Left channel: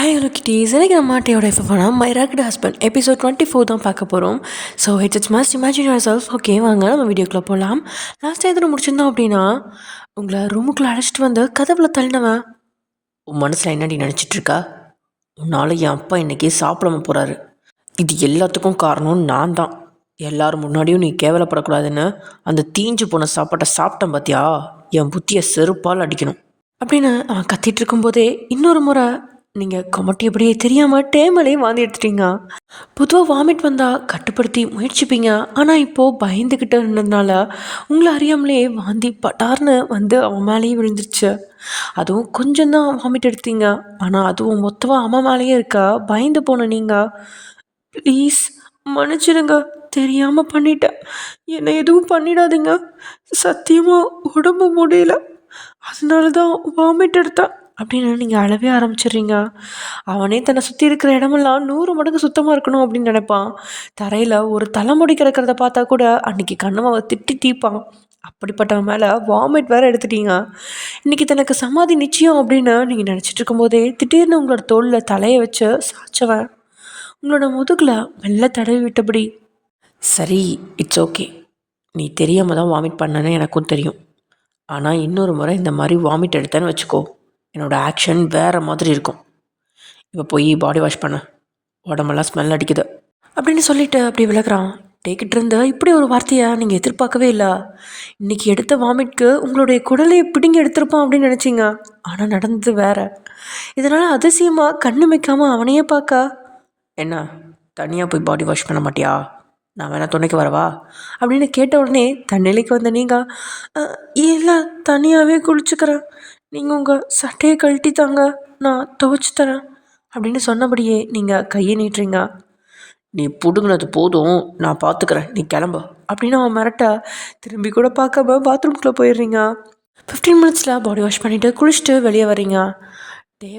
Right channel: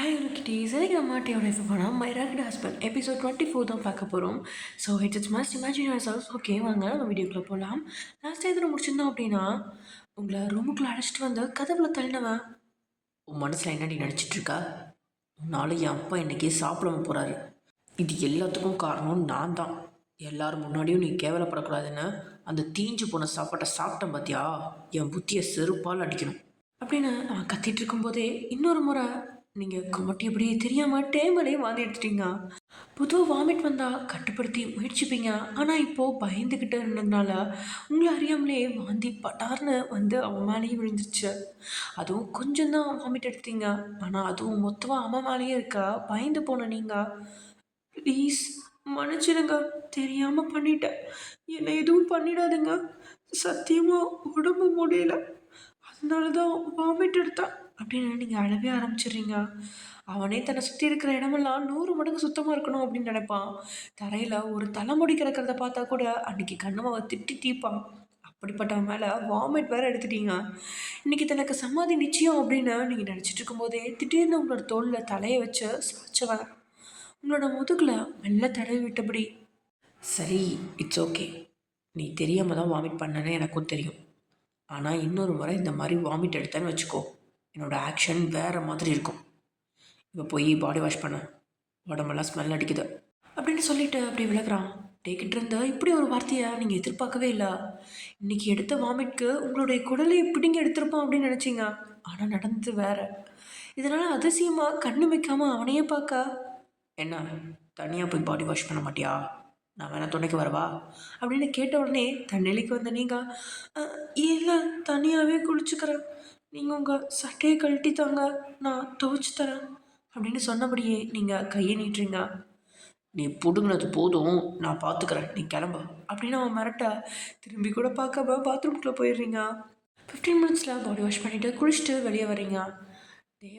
Hi hello kitties, எனக்கு நம்ம மாட்டையோட எஃப்எஃப்னா my rocket husband episode 24 தான் பார்க்க போகிறோம். So it's must imagine your self. Okay, வாங்க நம்ம வீடியோக்குள்ளே போகலாம். லாஸ்ட்டாக எதில் முடிச்சிருந்தோம் அப்படின்னா, உங்களை ரூமுக்குள்ளே அழைச்சிட்டு வந்து கதவுல தள்ளினவன், உன் மனசில் என்னடி நினச்சிட்ருக்கா? உன்னால் என் அப்பா இன்றைக்கி சாப்பிடாம போகிறாரு. இது எல்லாத்துக்கும் காரணம் நான் தான். எல்லோரும் முன்னாடியும் நீ கேவலப்படக்கூடாதுன்னு அந்த தீஞ்சு போன சாப்பாட்டை சாப்பிட்டேன் பார்த்தியா? என் புத்தியை செருப்பால் அடிக்கணும் அப்படின்னு அவன் கத்திட்டு இருக்கும்போதே இன்னொரு முறை நீங்கள் கொமட்டியபடியே தெரியாமல் டேமலே வாந்தி எடுத்துட்டீங்க. பொதுவாக வாமிட் வந்தால் கட்டுப்படுத்தி முயற்சிப்பீங்க. ஆனால் இப்போது பயந்துக்கிட்டு இருந்ததுனால உங்களை அறியாமலே வாந்தி பட்டார்னு வந்து அவன் மேலேயே விழுந்துருச்சு. அதுவும் கொஞ்சம் தான் வாமிட் எடுத்தீங்க, ஆனால் அதுவும் மொத்தமாக அவன் மேலேயே இருக்கா. பயந்து போன நீங்கள், ப்ளீஸ் மன்னிச்சிடுங்க, தெரியாமல் பண்ணிட்டேன், என்னை எதுவும் பண்ணிடாதீங்க, சத்தியமாக உடம்பு முடியல, அதனால தான் வாமிட் எடுத்தேன் அப்படின்னு நீங்கள் அழவே ஆரம்பிச்சிடுறீங்க. அவனே தன்னை சுற்றி இருக்கிற இடமெல்லாம் 100 மடங்கு சுத்தமாக இருக்கணும் அப்படின்னு நினைப்பான். தரையில் ஒரு தலைமுடி கிடக்கிறத பார்த்தா கூட அன்றைக்கி கண்ணமாவை திட்டி தீப்பான். அப்படிப்பட்டவன் மேலே வாமிட் வேறு எடுத்துட்டீங்க. இன்றைக்கி தனக்கு சமாதி நிச்சயம் அப்படின்னு நீங்கள் நினச்சிட்டு இருக்கும்போதே திடீர்னு உங்களோட தோளில் தலையை வச்சு சாய்ச்சவன் உங்களோட முதுகில் மெல்ல தடவி விட்டபடி, சரி இட்ஸ் ஓகே, நீ தெரியாமல் தான் வாமிட் பண்ணனே எனக்கும் தெரியும், ஆனால் இன்னொரு முறை இந்த மாதிரி வாமிட் எடுத்தேன்னு வச்சுக்கோ, என்னோடய ஆக்ஷன் வேறு மாதிரி இருக்கும். இப்போ போய் பாடி வாஷ் பண்ண, உடம்பெல்லாம் ஸ்மெல் அடிக்குது அப்படின்னு சொல்லிவிட்டு அப்படி விலகிறான். டேக்கிட்டு இருந்த இப்படி ஒரு வார்த்தையை நீங்கள் எதிர்பார்க்கவே இல்லை. இன்றைக்கி எடுத்த வாமிட்க்கு உங்களுடைய குடலையை பிடுங்கி எடுத்திருப்பான் அப்படின்னு நினச்சிங்க. ஆனால் நடந்தது வேறு. இதனால் அதிசயமாக கண்ணு வைக்காமல் அவனையே பார்க்க, என்ன தனியாக போய் பாடி வாஷ் பண்ண மாட்டியா, நான் வேணா துணைக்கு வரவா அப்படின்னு கேட்ட உடனே தன்னிலைக்கு வந்த நீங்கள், இல்லை தனியாகவே குளிச்சுக்கிறேன், நீங்கள் உங்கள் சட்டையை கழட்டி தாங்க, நான் துவைச்சி தரேன் அப்படின்னு சொன்னபடியே நீங்கள் கையை நீட்டுறீங்க. நீ பிடுங்கினது போதும், நான் பார்த்துக்கிறேன், நீ கிளம்பு அப்படின்னு அவன் மிரட்ட திரும்பி கூட பார்க்காம பாத்ரூம்குள்ளே போயிடுறீங்க. 15 மினிட்ஸில் பாடி வாஷ் பண்ணிவிட்டு குளிச்சுட்டு வெளியே வரீங்க.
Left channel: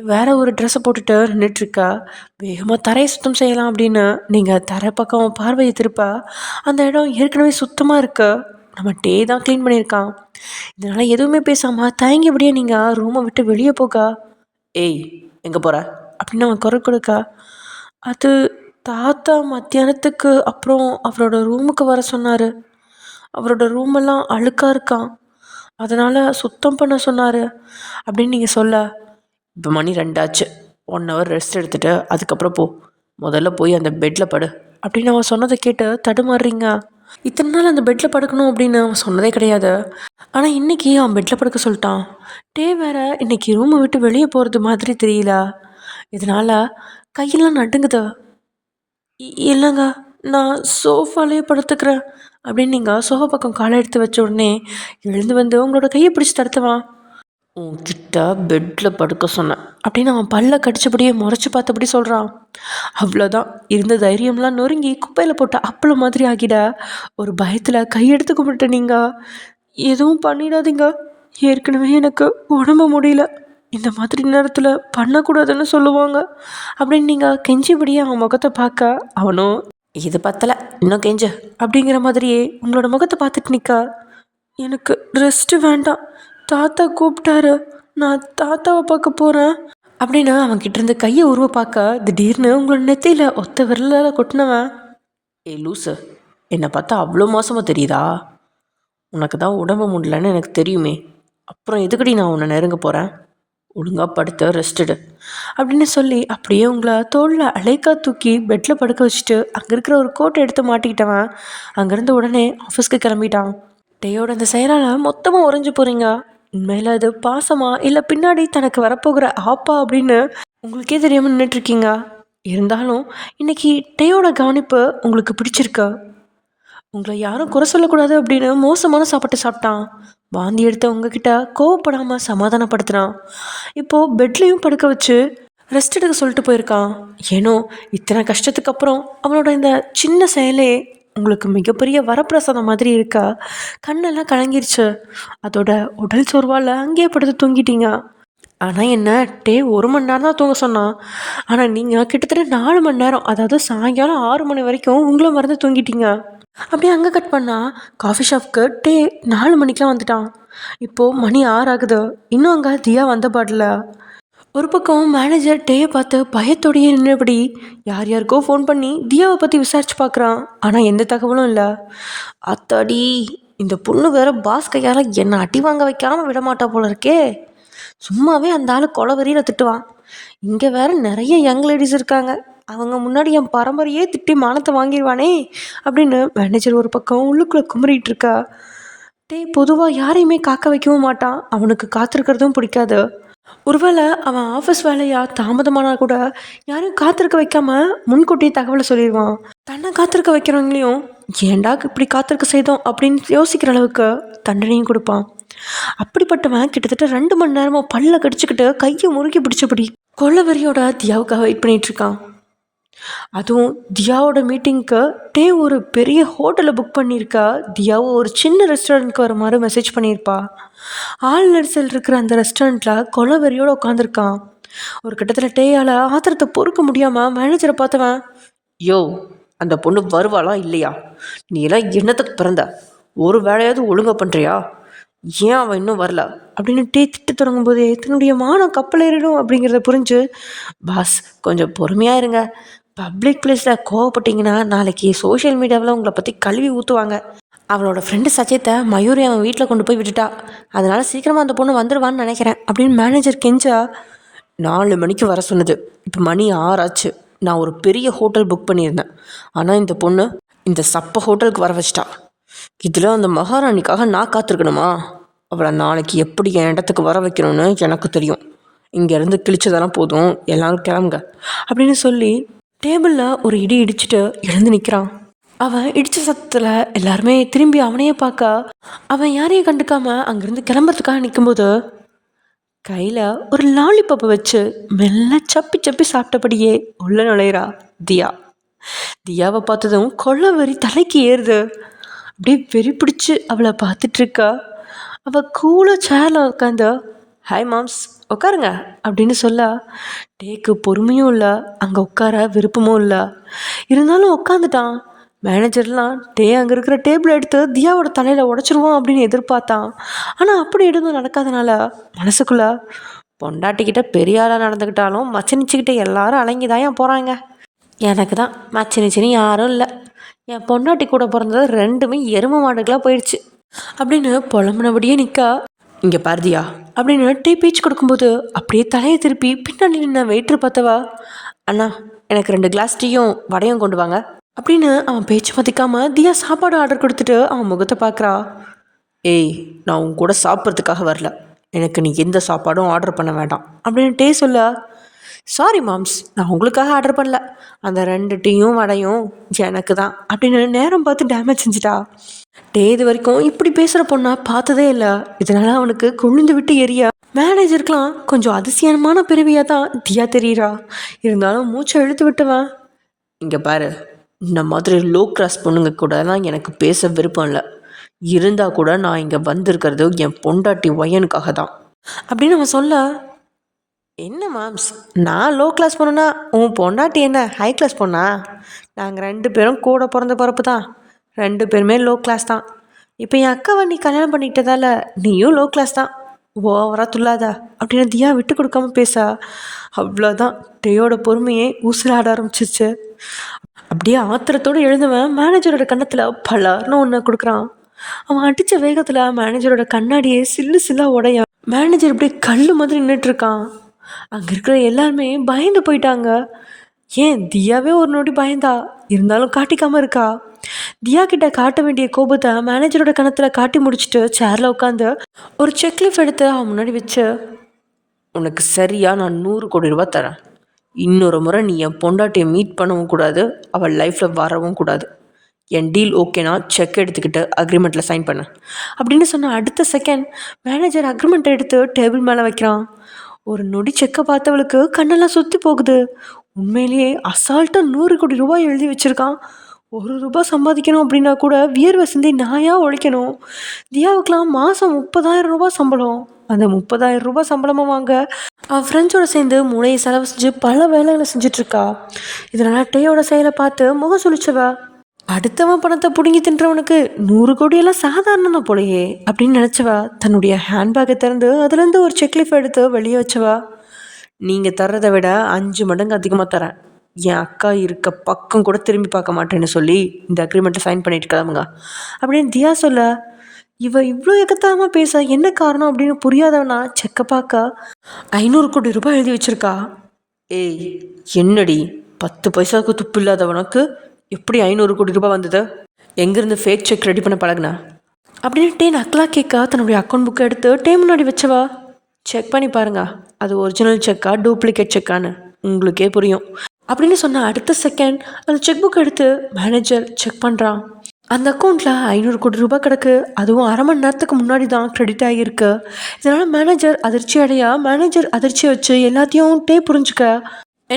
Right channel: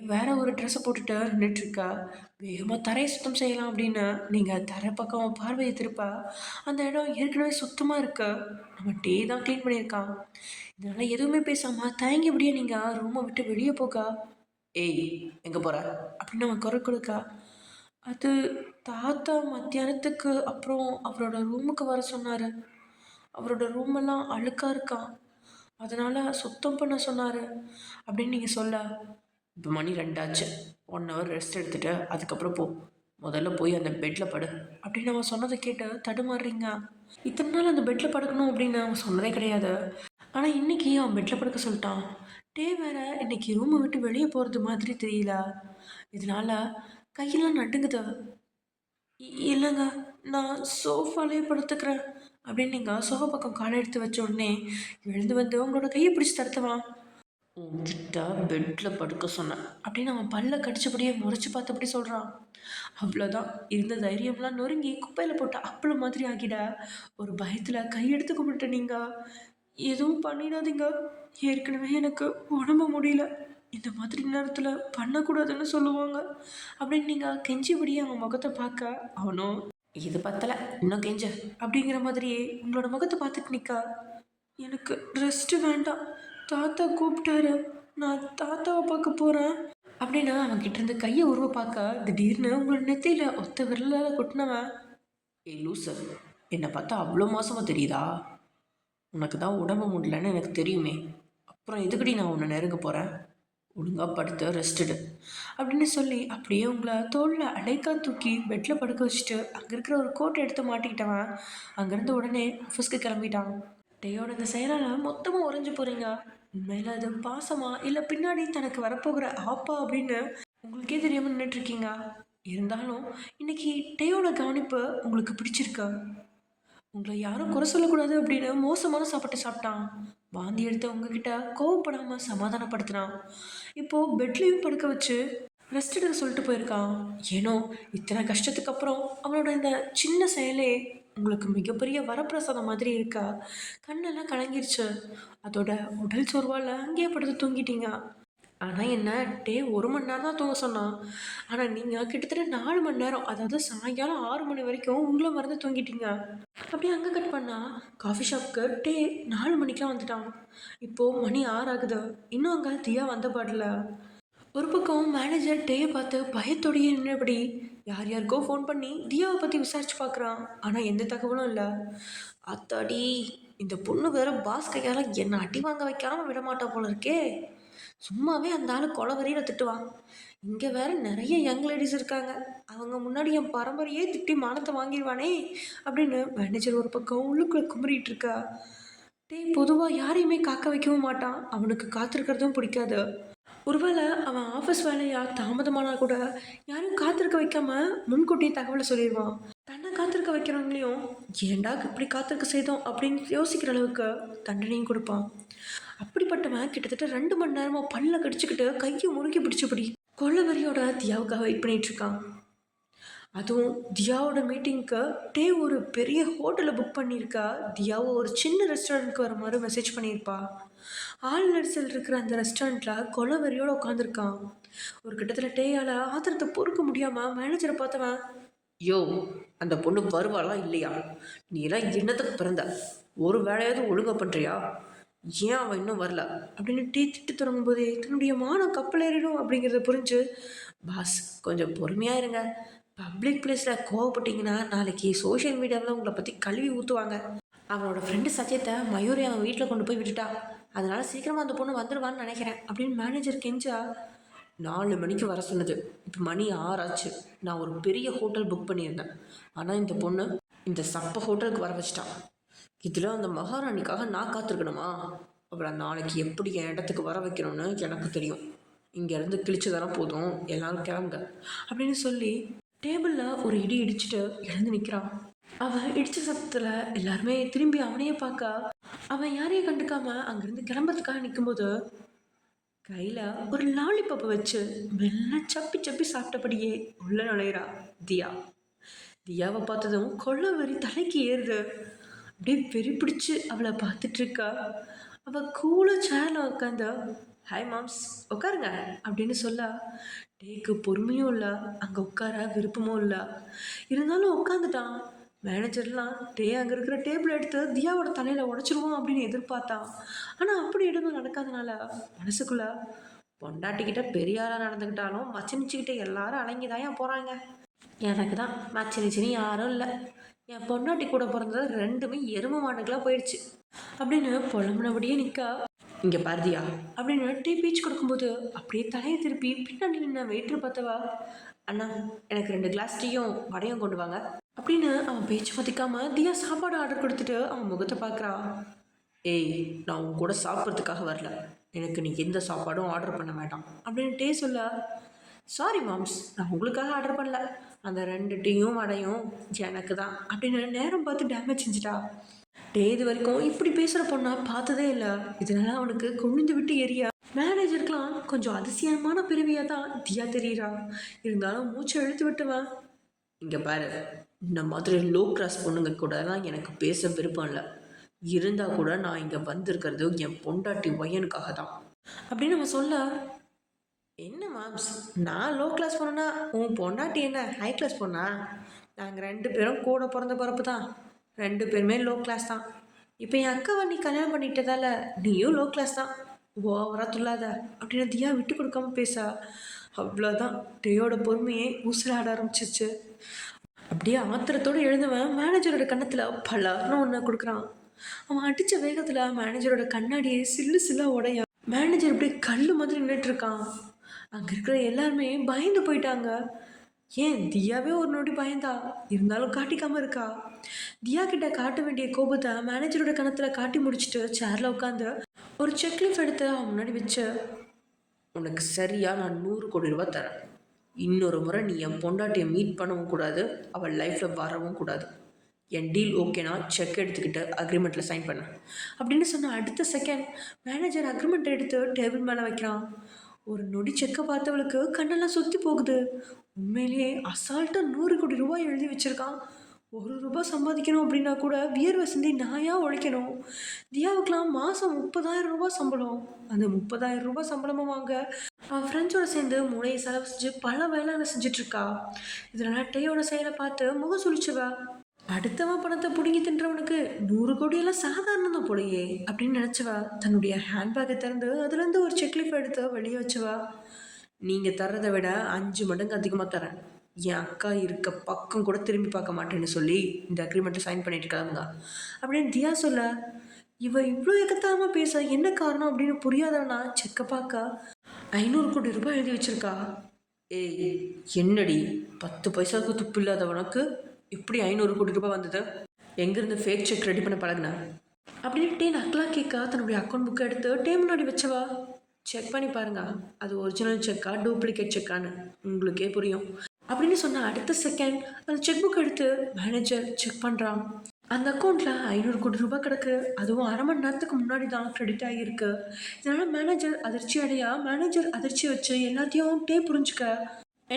வேறு ஒரு ட்ரெஸ்ஸை போட்டுட்டு நின்றுட்டுருக்கா. வேகமாக தரையை சுத்தம் செய்யலாம் அப்படின்னு நீங்கள் தரை பக்கம் பார்வையை திருப்ப அந்த இடம் ஏற்கனவே சுத்தமாக இருக்கு. நம்ம தான் க்ளீன் பண்ணியிருக்கான். இதனால் எதுவுமே பேசாமல் தயங்கிபடியே நீங்கள் ரூமை விட்டு வெளியே போக, ஏய் எங்கே போகிற அப்படின்னு அவன் குரல் கொடுக்க, அது தாத்தா மத்தியானத்துக்கு அப்புறம் அவரோட ரூமுக்கு வர சொன்னார், அவரோட ரூமெல்லாம் அழுக்காக இருக்கான், அதனால் சுத்தம் பண்ண சொன்னார் அப்படின்னு நீங்கள் சொல்ல, இப்போ மணி 2 ஆச்சு, 1 ஹவர் ரெஸ்ட் எடுத்துகிட்டு அதுக்கப்புறம் போ, முதல்ல போய் அந்த பெட்டில் படு அப்படின்னு அவன் சொன்னதை கேட்டு தடுமாறுறீங்க. இத்தனை நாள் அந்த பெட்டில் படுக்கணும் அப்படின்னு அவன் சொன்னதே கிடையாது. ஆனால் இன்றைக்கி அவன் பெட்டில் படுக்க சொல்லிட்டான். வேறு இன்றைக்கி ரூமை விட்டு வெளியே போகிறது மாதிரி தெரியல. இதனால் கையெல்லாம் நடுங்குது. இல்லைங்க, நான் சோஃபாலேயே படுத்துக்கிறேன் அப்படின்னு நீங்கள் சோஃபா பக்கம் காலை எடுத்து வச்ச உடனே எழுந்து வந்து உங்களோட கையை பிடிச்சி தடுத்துவான். உன்கிட்ட பெட்டில் படுக்க சொன்னேன் அப்படின்னு அவன் பல்ல கடிச்சபடியே முறைச்சி பார்த்தபடி சொல்கிறான். அவ்வளோதான், இருந்த தைரியம்லாம் நொறுங்கி குப்பையில் போட்ட அப்பளம் மாதிரி ஆகிட ஒரு பயத்தில் கையெடுத்து கும்பிட்டு, நீங்கள் எதுவும் பண்ணிடாதீங்க, ஏற்கனவே எனக்கு உடம்பு முடியல, இந்த மாதிரி நேரத்தில் பண்ணக்கூடாதுன்னு சொல்லுவாங்க அப்படின்னு நீங்கள் கெஞ்சிபடியே அவன் முகத்தை பார்க்க, அவனும் இது பத்தலை இன்னும் கெஞ்சு அப்படிங்கிற மாதிரியே உங்களோட முகத்தை பார்த்துட்டு நிற்க, எனக்கு ரெஸ்ட்டு வேண்டாம், தாத்தா கூப்பிட்டாரு, நான் தாத்தாவை பார்க்க போகிறேன் அப்படின்னு அவன்கிட்டேருந்து கையை உருவ பார்க்க திடீர்னு உங்களோட நெத்தியில் ஒத்த விரலில் கொட்டினவன், ஏ லூசு, என்னை பார்த்தா அவ்வளோ மோசமாக தெரியுதா? உனக்கு தான் உடம்பு முடியலன்னு எனக்கு தெரியுமே, அப்புறம் எதுக்கடி நான் உன்னை நெருங்க போகிறேன், ஒழுங்காக படுத்து ரெஸ்ட்டுடு அப்படின்னு சொல்லி அப்படியே உங்களை தோளில் அலைக்கா தூக்கி பெட்டில் படுக்க வச்சுட்டு அங்கே இருக்கிற ஒரு கோட்டை எடுத்து மாட்டிக்கிட்டவன் அங்கேருந்து உடனே ஆஃபீஸ்க்கு கிளம்பிட்டான். டேயோட அந்த செயலால் மொத்தமாக உறைஞ்சி போகிறீங்க. உண்மையில் அது பாசமா இல்லை பின்னாடி தனக்கு வரப்போகிற ஆப்பா அப்படின்னு உங்களுக்கே தெரியாமல் நின்றுட்டுருக்கீங்க. இருந்தாலும் இன்றைக்கி டேயோட கவனிப்பு உங்களுக்கு பிடிச்சிருக்கா? உங்களை யாரும் குறை சொல்லக்கூடாது அப்படின்னு மோசமான சாப்பாட்டை சாப்பிட்டான். வாந்தி எடுத்த உங்ககிட்ட கோவப்படாமல் சமாதானப்படுத்துகிறான். இப்போது பெட்லேயும் படுக்க வச்சு ரெஸ்ட் எடுக்க சொல்லிட்டு போயிருக்கான். ஏன்னோ இத்தனை கஷ்டத்துக்கு அப்புறம் அவனோட இந்த சின்ன செயலே உங்களுக்கு மிகப்பெரிய வரப்பிரசாதம் மாதிரி இருக்கா. கண்ணெல்லாம் கலங்கிருச்சு. அதோட உடல் சோர்வால் அங்கேயே படுத்து தூங்கிட்டீங்க. ஆனால் என்ன 1 மணி நேரம் தான் தூங்க சொன்னான். ஆனால் நீங்கள் கிட்டத்தட்ட 4 மணி நேரம், அதாவது சாயங்காலம் 6 மணி வரைக்கும் உங்களை மறந்து தூங்கிட்டீங்க. அப்படியே அங்கே கட் பண்ணால் காஃபி ஷாப்புக்கு 4 மணிக்கெலாம் வந்துட்டான். இப்போது மணி 6 ஆகுது. இன்னும் அங்கே தியா வந்த பாடல. ஒரு பக்கம் மேனேஜர் டேயை பார்த்து பயத்தோடையே நின்றபடி யார் யாருக்கோ ஃபோன் பண்ணி தியாவை பற்றி விசாரிச்சு பார்க்குறான். ஆனால் எந்த தகவலும் இல்லை. அத்தாடி, இந்த பொண்ணு வேற பாஸ் கையால் என்னை அடி வாங்க வைக்காமல் விடமாட்டா போல இருக்கே. சும்மாவே அந்த ஆள் கொலவெறியில் திட்டுவான். இங்கே வேற நிறைய யங் லேடிஸ் இருக்காங்க, அவங்க முன்னாடி என் பரம்பரையே திட்டி மானத்தை வாங்கிடுவானே அப்படின்னு மேனேஜர் ஒரு பக்கம் உள்ளுக்குள்ளே குமரிட்டு இருக்கா. பொதுவாக யாரையுமே காக்க வைக்கவும் மாட்டான், அவனுக்கு காத்திருக்கிறதும் பிடிக்காது. ஒருவேளை அவன் ஆஃபீஸ் வேலையாக தாமதமானா கூட யாரையும் காத்திருக்க வைக்காம முன்கூட்டியே தகவலை சொல்லிடுவான். தன்னை காத்திருக்க வைக்கிறவங்களையும் ஏண்டா இப்படி காத்திருக்க செய்தோம் அப்படின்னு யோசிக்கிற அளவுக்கு தண்டனையும் கொடுப்பான். அப்படிப்பட்டவன் கிட்டத்தட்ட 2 மணி நேரமாக பல்ல கடிச்சுக்கிட்டு கையை முறுக்கி பிடிச்சபடி கொள்ளவெறியோட தியாவுக்காக வெயிட் பண்ணிகிட்ருக்கான். அதுவும் தியாவோட மீட்டிங்க்கு ஒரு பெரிய ஹோட்டலை புக் பண்ணியிருக்கா. தியாவை ஒரு சின்ன ரெஸ்டாரண்ட்க்கு வர மாதிரி மெசேஜ் பண்ணியிருப்பா. ஆள் நெரிசல் இருக்கிற அந்த ரெஸ்டாரண்ட்டில் கொலவெறியோடு உட்காந்துருக்கான். ஒரு கட்டத்தில் டேயால் ஆத்திரத்தை பொறுக்க முடியாமல் மேனேஜரை பார்த்தவன், யோ, அந்த பொண்ணு வருவாளா இல்லையா? நீ எல்லாம் என்னத்துக்கு பிறந்த? ஒரு வேலையாவது ஒழுங்காக பண்ணுறியா? ஏன் அவன் இன்னும் வரல அப்படின்னு திட்டு தொடங்கும் போதே தன்னுடைய மானம் கப்பல் ஏறிடும் அப்படிங்கிறத புரிஞ்சு, பாஸ் கொஞ்சம் பொறுமையாக இருங்க, பப்ளிக் பிளேஸில் கோவப்பட்டிங்கன்னா நாளைக்கு சோஷியல் மீடியாவில் உங்களை பற்றி கழுவி ஊற்றுவாங்க. அவளோட ஃப்ரெண்டு சச்சியத்தை மயூரி அவன் வீட்டில் கொண்டு போய் விட்டுட்டா, அதனால் சீக்கிரமாக அந்த பொண்ணு வந்துடுவான்னு நினைக்கிறேன் அப்படின்னு மேனேஜர் கெஞ்சா. 4 மணிக்கு வர சொன்னது, இப்போ மணி 6 ஆச்சு. நான் ஒரு பெரிய ஹோட்டல் புக் பண்ணியிருந்தேன், ஆனால் இந்த பொண்ணு இந்த சப்ப ஹோட்டலுக்கு வர வச்சிட்டா. இதில் அந்த மகாராணிக்காக நான் காத்திருக்கணுமா? அவளை நாளைக்கு எப்படி என் இடத்துக்கு வர வைக்கணும்னு எனக்கு தெரியும். இங்கேருந்து கிழிச்சதெல்லாம் போதும், எல்லாரும் கிளம்புங்க அப்படின்னு சொல்லி டேபிளில் ஒரு இடி இடிச்சுட்டு எழுந்து நிற்கிறான். அவன் இடித்த சத்தத்தில் எல்லாருமே திரும்பி அவனையே பார்க்க, அவன் யாரையும் கண்டுக்காம அங்கேருந்து கிளம்புறதுக்காக நிற்கும்போது கையில் ஒரு லாலிபப்பை வச்சு மெல்ல சப்பி சப்பி சாப்பிட்டபடியே உள்ள நுழையிறா தியா. தியாவை பார்த்ததும் கொள்ளவெறி தலைக்கு ஏறுது. அப்படியே வெறி பிடிச்சி அவளை பார்த்துட்ருக்கா. அவள் கூலாக சேரில் உட்காந்து, ஹாய் மாம்ஸ், உட்காருங்க அப்படின்னு சொல்ல டேக்கு பொறுமையும் இல்லை, அங்கே உட்கார விருப்பமும் இல்லை. இருந்தாலும் உட்காந்துட்டான். மேனேஜர்லாம் அங்கே இருக்கிற டேபிள் எடுத்து தியாவோட தலையில் உடச்சிருவோம் அப்படின்னு எதிர்பார்த்தான். ஆனால் அப்படி எதுவும் நடக்காதனால மனசுக்குள்ளே, பொண்டாட்டிக்கிட்ட பெரிய ஆளாக நடந்துக்கிட்டாலும் மச்சனிச்சுக்கிட்ட எல்லாரும் அலங்கிதான் போகிறாங்க, எனக்கு தான் மச்சனிச்சினி யாரும் இல்லை, என் பொண்டாட்டி கூட பிறந்தது 2மே எரும மாடுகளாக போயிடுச்சு அப்படின்னு புலம்புனபடியே நிற்கா. இங்கே பாரதியா அப்படின்னு பேச்சு கொடுக்கும்போது அப்படியே தலையை திருப்பி பின்னாடி நின்று வெயிட்ரு பார்த்தவா, அண்ணா எனக்கு 2 கிளாஸ் டீயும் வடையும் கொண்டு வாங்க அப்படின்னு அவன் பேச்சு மதிக்காம தியா சாப்பாடு ஆர்டர் கொடுத்துட்டு அவன் முகத்தை பார்க்குறா. ஏய், நான் உன் கூட சாப்பிட்றதுக்காக வரல, எனக்கு நீ எந்த சாப்பாடும் ஆர்டர் பண்ண வேண்டாம் அப்படின்னு சொல்ல, சாரி மாம்ஸ், நான் உங்களுக்காக ஆர்டர் பண்ணல, அந்த 2 டீயும் வடையும் எனக்கு தான் அப்படின்னு நேரம் பார்த்து டேமேஜ் செஞ்சுட்டா. இது வரைக்கும் இப்படி பேசுகிற பொண்ணா பார்த்ததே இல்லை. இதனால் அவனுக்கு கொழுந்து விட்டு எரியா. மேனேஜருக்கெலாம் கொஞ்சம் அதிசயமான பிறவியாக தான் தியா தெரியுறா. இருந்தாலும் மூச்சை இழுத்து விட்டுவன், இங்கே பாரு, இந்த மாதிரி லோ கிளாஸ் பொண்ணுங்க கூடலாம் எனக்கு பேச விருப்பம் இல்லை. இருந்தால் கூட நான் இங்கே வந்திருக்கிறது என் பொண்டாட்டி ஒயனுக்காக தான் அப்படின்னு அவன் சொல்ல, என்ன மாம்ஸ், நான் லோ கிளாஸ் பொண்ணுன்னா உன் பொண்டாட்டி என்ன ஹை கிளாஸ் பொண்ணா? நாங்கள் 2 பேரும் கூட பிறந்த பிறப்பு தான், 2 பேருமே லோ கிளாஸ் தான். இப்போ என் அக்காவை நீ கல்யாணம் பண்ணிக்கிட்டதால நீயும் லோ கிளாஸ் தான், ஓவராக துள்ளாதா அப்படின்னு தியா விட்டு கொடுக்காம பேசா. அவ்வளோதான், டேயோட பொறுமையே ஊசலாட ஆரம்பிச்சிருச்சு. அப்படியே ஆத்திரத்தோடு எழுந்தவன் மேனேஜரோட கன்னத்தில் பலார்னு ஒன்று கொடுக்குறான். அவன் அடித்த வேகத்தில் மேனேஜரோட கண்ணாடியே சில்லு சில்லாக உடையான். மேனேஜர் இப்படியே கல் மாதிரி நின்றுட்டுருக்கான். அங்கே இருக்கிற எல்லாருமே பயந்து போயிட்டாங்க. ஏன் தியாவே ஒரு நொடி பயந்தா, இருந்தாலும் காட்டிக்காமல் இருக்கா. தியா கிட்ட காட்ட வேண்டிய கோபத்தை மேனேஜரோட கணத்தில் காட்டி முடிச்சுட்டு சேரில் உட்காந்து ஒரு செக்லீஃப் எடுத்து அவன் முன்னாடி வச்சு, உனக்கு சரியாக நான் 100 கோடி ரூபா தரேன், இன்னொரு முறை நீ என் பொண்டாட்டியை மீட் பண்ணவும் கூடாது, அவள் லைஃப்பில் வரவும் கூடாது, என் டீல் ஓகேனா செக் எடுத்துக்கிட்டு அக்ரிமெண்ட்டில் சைன் பண்ண அப்படின்னு சொன்ன அடுத்த செகண்ட் மேனேஜர் அக்ரிமெண்ட்டை எடுத்து டேபிள் மேலே வைக்கிறான். ஒரு நொடி செக்கை பார்த்தவளுக்கு கண்ணெல்லாம் சுற்றி போகுது. உண்மையிலேயே அசால்ட்டாக 100 கோடி ரூபாய் எழுதி வச்சுருக்கான். 1 ரூபா சம்பாதிக்கணும் அப்படின்னா கூட வியர்வை சிந்தி நாயாக உழைக்கணும். தியாவுக்கெலாம் மாதம் 30,000 ரூபாய் சம்பளம். அந்த 30,000 ரூபாய் சம்பளமாக வாங்க அவன் ஃப்ரெண்ட்ஸோடு சேர்ந்து மூளையை செலவு செஞ்சு பல வேலைகளை செஞ்சிட்ருக்கா. இதனால் டேயோட செயலை பார்த்து முகம் சுழிச்சவா, அடுத்தவன் பணத்தை பிடுங்கி தின்றவனுக்கு 100 கோடியெல்லாம் சாதாரணம் தான் போலையே அப்படின்னு நினச்சவா தன்னுடைய ஹேண்ட்பேக்கை திறந்து அதுலேருந்து ஒரு செக்லீஃப் எடுத்து வெளியே வச்சவா, நீங்கள் தர்றதை விட 5 மடங்கு அதிகமாக தரேன். என் அக்கா இருக்க பக்கம் கூட திரும்பி பார்க்க மாட்டேன்னு சொல்லி இந்த அக்ரிமெண்ட்டை சைன் பண்ணிட்டு கிளம்புங்க அப்படின்னு தியா சொல்ல, இவ்வளோ எக்கத்தாமல் பேச என்ன காரணம் அப்படின்னு புரியாதவனா செக்க பார்க்க 500 கோடி ரூபாய் எழுதி வச்சிருக்கா. ஏய் என்னடி 10 பைசாவுக்கு துப்பு இல்லாதவனுக்கு எப்படி 500 கோடி ரூபாய் வந்தது? எங்கேருந்து ஃபேக் செக் ரெடி பண்ண பழகுனா அப்படின்னு டே நக்கலா கேட்க தன்னுடைய அக்கௌண்ட் புக்கை எடுத்து டே முன்னாடி வச்சவா, செக் பண்ணி பாருங்க அது ஒரிஜினல் செக்கா டூப்ளிகேட் செக்கான்னு உங்களுக்கே புரியும் அப்படின்னு சொன்ன அடுத்த செகண்ட் அந்த செக் புக் எடுத்து மேனேஜர் செக் பண்ணுறான். அந்த அக்கௌண்ட்டில் 500 கோடி ரூபாய் கிடக்கு. அதுவும் அரை மணி நேரத்துக்கு முன்னாடி தான் கிரெடிட் ஆகியிருக்கு. இதனால் மேனேஜர் அதிர்ச்சியை வச்சு எல்லாத்தையும் டே புரிஞ்சுக்க,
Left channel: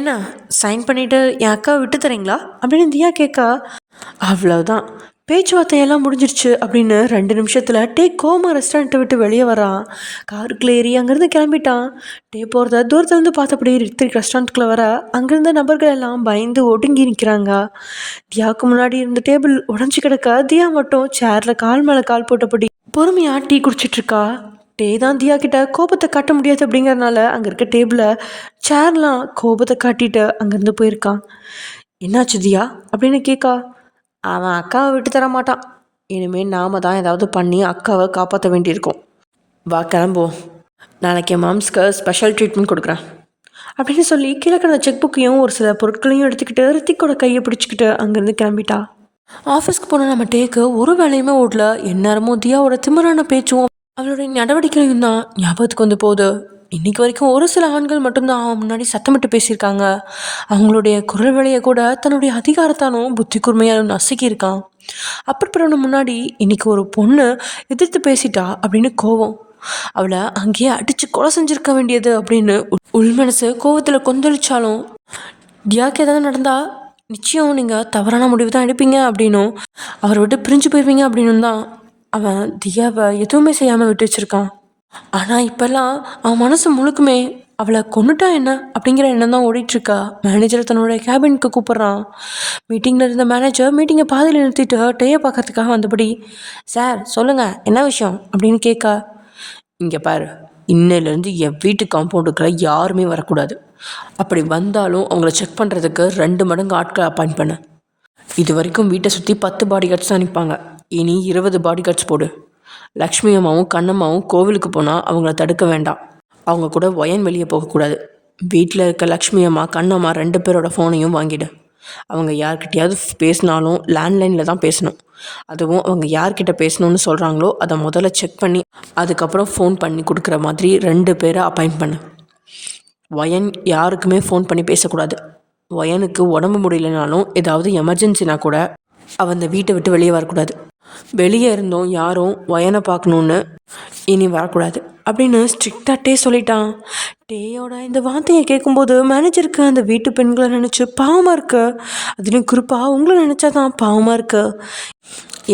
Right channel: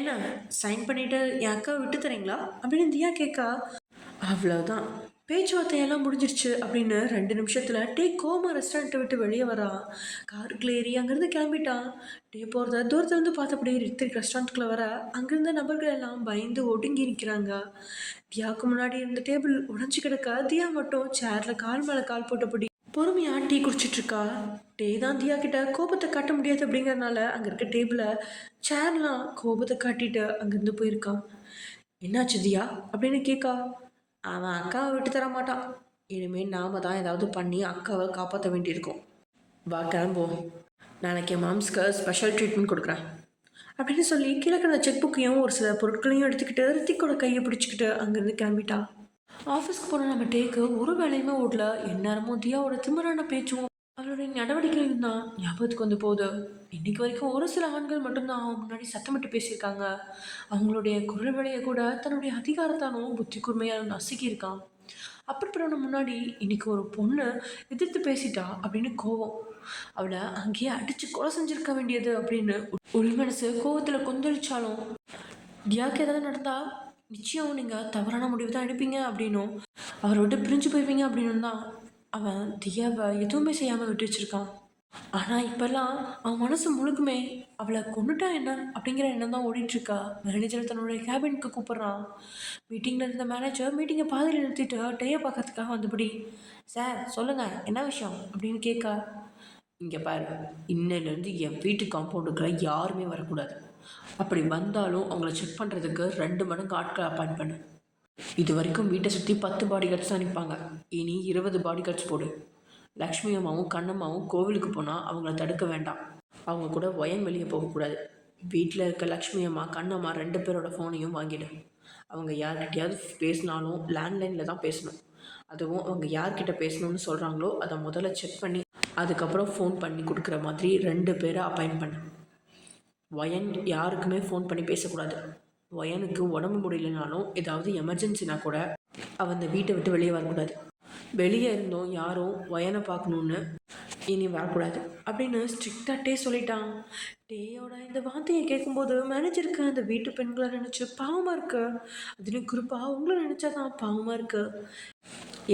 என்ன சைன் பண்ணிவிட்டு என் அக்காவை விட்டு தரீங்களா அப்படின்னு தியா கேட்க, அவ்வளோதான் பேச்சுவார்த்தையெல்லாம் முடிஞ்சிருச்சு அப்படின்னு 2 நிமிஷத்தில் டே கோமா ரெஸ்டாரண்ட்டை விட்டு வெளியே வரான். காருக்குள்ளே ஏறி அங்கேருந்து கிளம்பிட்டான். டே போகிறத தூரத்துலேருந்து பார்த்தபடி ரித்திக் ரெஸ்டாரண்ட்டுக்குள்ளே வர அங்கேருந்த நபர்கள் எல்லாம் பயந்து ஒடுங்கி நிற்கிறாங்க. தியாவுக்கு முன்னாடி இருந்த டேபிள் உடஞ்சி கிடக்க தியா மட்டும் சேரில் கால் மேலே கால் போட்டபடி பொறுமையாக டீ குடிச்சிட்ருக்கா. டே தான் தியா கிட்ட கோபத்தை காட்ட முடியாது அப்படிங்கிறதுனால அங்கே இருக்க டேபிளை சேர்லாம் கோபத்தை காட்டிட்டு அங்கேருந்து போயிருக்கான். என்னாச்சு தியா அப்படின்னு கேட்கா. அவன் அக்காவை விட்டு தர மாட்டான். இனிமேல் நாம் தான் ஏதாவது பண்ணி அக்காவை காப்பாற்ற வேண்டியிருக்கோம். வா கிளம்புவோம், நாளைக்கு என் மாம்ஸ்க்கு ஸ்பெஷல் ட்ரீட்மெண்ட் கொடுக்குறேன் அப்படின்னு சொல்லி கீழே கிடந்த செக் புக்கையும் ஒரு சில பொருட்களையும் எடுத்துக்கிட்டு ரித்திக்கோட கையை பிடிச்சிக்கிட்டு அங்கேருந்து கிளம்பிட்டா. ஆஃபீஸ்க்கு போன நம்ம டேக்கு ஒரு வேலையுமே ஓடல. எந்நேரமும் தியாவோட திமிரான பேச்சும் அவளுடைய நடவடிக்கையும் தான் ஞாபகத்துக்கு வந்து போகுது. இன்றைக்கி வரைக்கும் ஒரு சில ஆண்கள் மட்டும்தான் அவன் முன்னாடி சத்தமிட்டு பேசியிருக்காங்க. அவங்களுடைய குரல் வழியை கூட தன்னுடைய அதிகாரத்தானும் புத்தி கூர்மையாலும் நசுக்கியிருக்கான். அப்படிப்பட்ட முன்னாடி இன்றைக்கி ஒரு பொண்ணு எதிர்த்து பேசிட்டா அப்படின்னு கோவம். அவளை அங்கேயே அடித்து கொலை செஞ்சுருக்க வேண்டியது அப்படின்னு உள்மனசு கோவத்தில் கொந்தளிச்சாலும், தியாக்கு ஏதாவது நடந்தால் நிச்சயம் நீங்கள் தவறான முடிவு தான் எடுப்பீங்க அப்படின்னும் அவரை விட்டு பிரிஞ்சு போயிருவீங்க அப்படின்னு தான் அவன் தியாவை எதுவுமே செய்யாமல் விட்டு வச்சுருக்கான். ஆனால் இப்போல்லாம் அவன் மனசு முழுக்குமே அவளை கொண்டுட்டா என்ன அப்படிங்கிற எண்ணம் தான் ஓடிட்டுருக்கா. மேனேஜரை தன்னோட கேபினுக்கு கூப்பிட்றான். மீட்டிங்கில் இருந்த மேனேஜர் மீட்டிங்கை பாதியில் நிறுத்திட்டு டேயை பார்க்கறதுக்காக வந்தபடி, சார் சொல்லுங்கள் என்ன விஷயம் அப்படின்னு கேட்க, இங்கே பாரு, இன்னையிலேருந்து என் வீட்டு காம்பவுண்டுக்குள்ள யாருமே வரக்கூடாது. அப்படி வந்தாலும் அவங்கள செக் பண்ணுறதுக்கு 2 மடங்கு ஆட்களை அப்பாயிண்ட் பண்ண. இது வரைக்கும் வீட்டை சுற்றி 10 பாடி கார்ட்ஸ் தான் நிற்பாங்க. இனி 20 பாடி கார்ட்ஸ் போடு. லக்ஷ்மி அம்மாவும் கண்ணம்மாவும் கோவிலுக்கு போனால் அவங்கள தடுக்க வேண்டாம். அவங்க கூட ஒயன் வெளியே போகக்கூடாது. வீட்டில் இருக்க லக்ஷ்மி அம்மா கண்ணம்மா 2 பேரோட ஃபோனையும் வாங்கிடு. அவங்க யார்கிட்டையாவது பேசினாலும் லேண்ட்லைனில் தான் பேசணும். அதுவும் அவங்க யார்கிட்ட பேசணும்னு சொல்கிறாங்களோ அதை முதல்ல செக் பண்ணி அதுக்கப்புறம் ஃபோன் பண்ணி கொடுக்குற மாதிரி 2 பேரை அப்பாயிண்ட் பண்ணு. ஒயன் யாருக்குமே ஃபோன் பண்ணி பேசக்கூடாது. ஒயனுக்கு உடம்பு முடியலனாலும் ஏதாவது எமர்ஜென்சினா கூட அவன் அந்த வீட்டை விட்டு வெளியே வரக்கூடாது. வெளியே இருந்தோம் யாரும் ஒயனை பார்க்கணுன்னு இனி வரக்கூடாது அப்படின்னு ஸ்ட்ரிக்டாக டே சொல்லிட்டான். டேயோட இந்த வார்த்தையை கேட்கும்போது மேனேஜருக்கு அந்த வீட்டு பெண்களை நினச்சி பாவமாக இருக்கு. அதுலேயும் குறிப்பாக உங்களை நினச்சா தான் பாவமாக இருக்கு.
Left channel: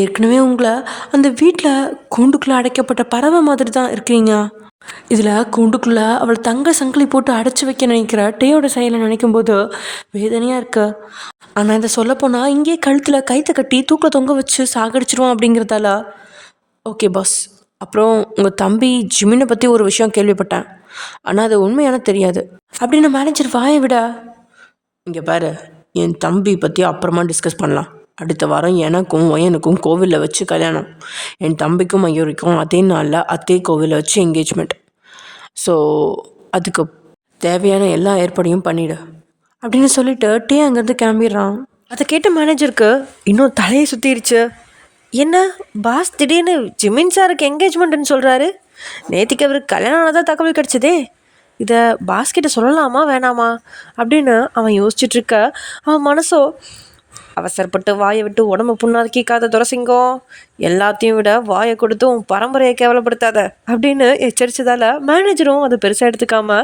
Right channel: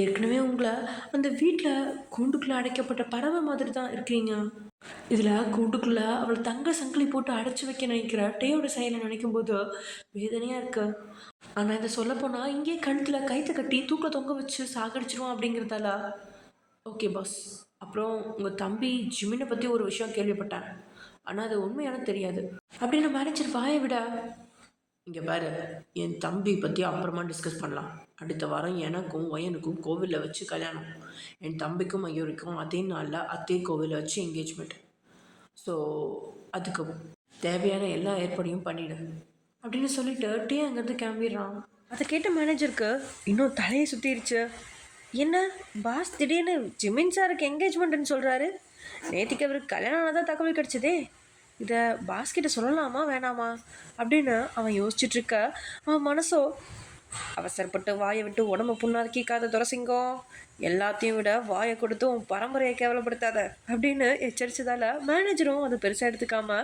ஏற்கனவே உங்களை அந்த வீட்டில் கூண்டுக்குள்ளே அடைக்கப்பட்ட பறவை மாதிரி தான் இருக்கிறீங்க. இதில் கூண்டுக்குள்ளே அவள் தங்க சங்கிலி போட்டு அடைச்சி வைக்க நினைக்கிற டேயோட செயலை நினைக்கும்போது வேதனையாக இருக்கு. ஆனால் இதை சொல்லப்போனால் இங்கே கழுத்தில் கைத்தை கட்டி தூக்கில் தொங்க வச்சு சாகடிச்சிருவோம் அப்படிங்கிறதால. ஓகே பாஸ், அப்புறம் உங்கள் தம்பி ஜிமினை பற்றி ஒரு விஷயம் கேள்விப்பட்டேன், ஆனால் அது உண்மையான தெரியாது அப்படின்னு மேனேஜர் வாயை விட, இங்கே பாரு, என் தம்பி பற்றி அப்புறமா டிஸ்கஸ் பண்ணலாம். அடுத்த வாரம் எனக்கும் ஒயனுக்கும் கோவிலில் வச்சு கல்யாணம். என் தம்பிக்கும் மயூரிக்கும் அதே நாளில் அதே கோவிலில் வச்சு என்கேஜ்மெண்ட். ஸோ அதுக்கு தேவையான எல்லா ஏற்பாடையும் பண்ணிவிடு அப்படின்னு சொல்லிட்டு டே அங்கேருந்து கிளம்பிடுறான். அதை கேட்ட மேனேஜருக்கு இன்னும் தலையை சுற்றிடுச்சு. என்ன பாஸ் திடீர்னு ஜிமின் சாருக்கு என்கேஜ்மெண்ட்டுன்னு சொல்கிறாரு? நேற்றுக்கு அவருக்கு கல்யாணம் ஆனதாக தகவல் கிடச்சிதே, இதை பாஸ்கிட்ட சொல்லலாமா வேணாமா அப்படின்னு அவன் யோசிச்சுட்ருக்க, அவன் மனசோ அவசரப்பட்டு வாயை விட்டு உடம்பு புண்ணாக்கிக்காத துரசிங்கம், எல்லாத்தையும் விட வாயை கொடுத்தும் பரம்பரையை கேவலப்படுத்தாத அப்படின்னு எச்சரித்ததால் மேனேஜரும் அதை பெருசாக எடுத்துக்காம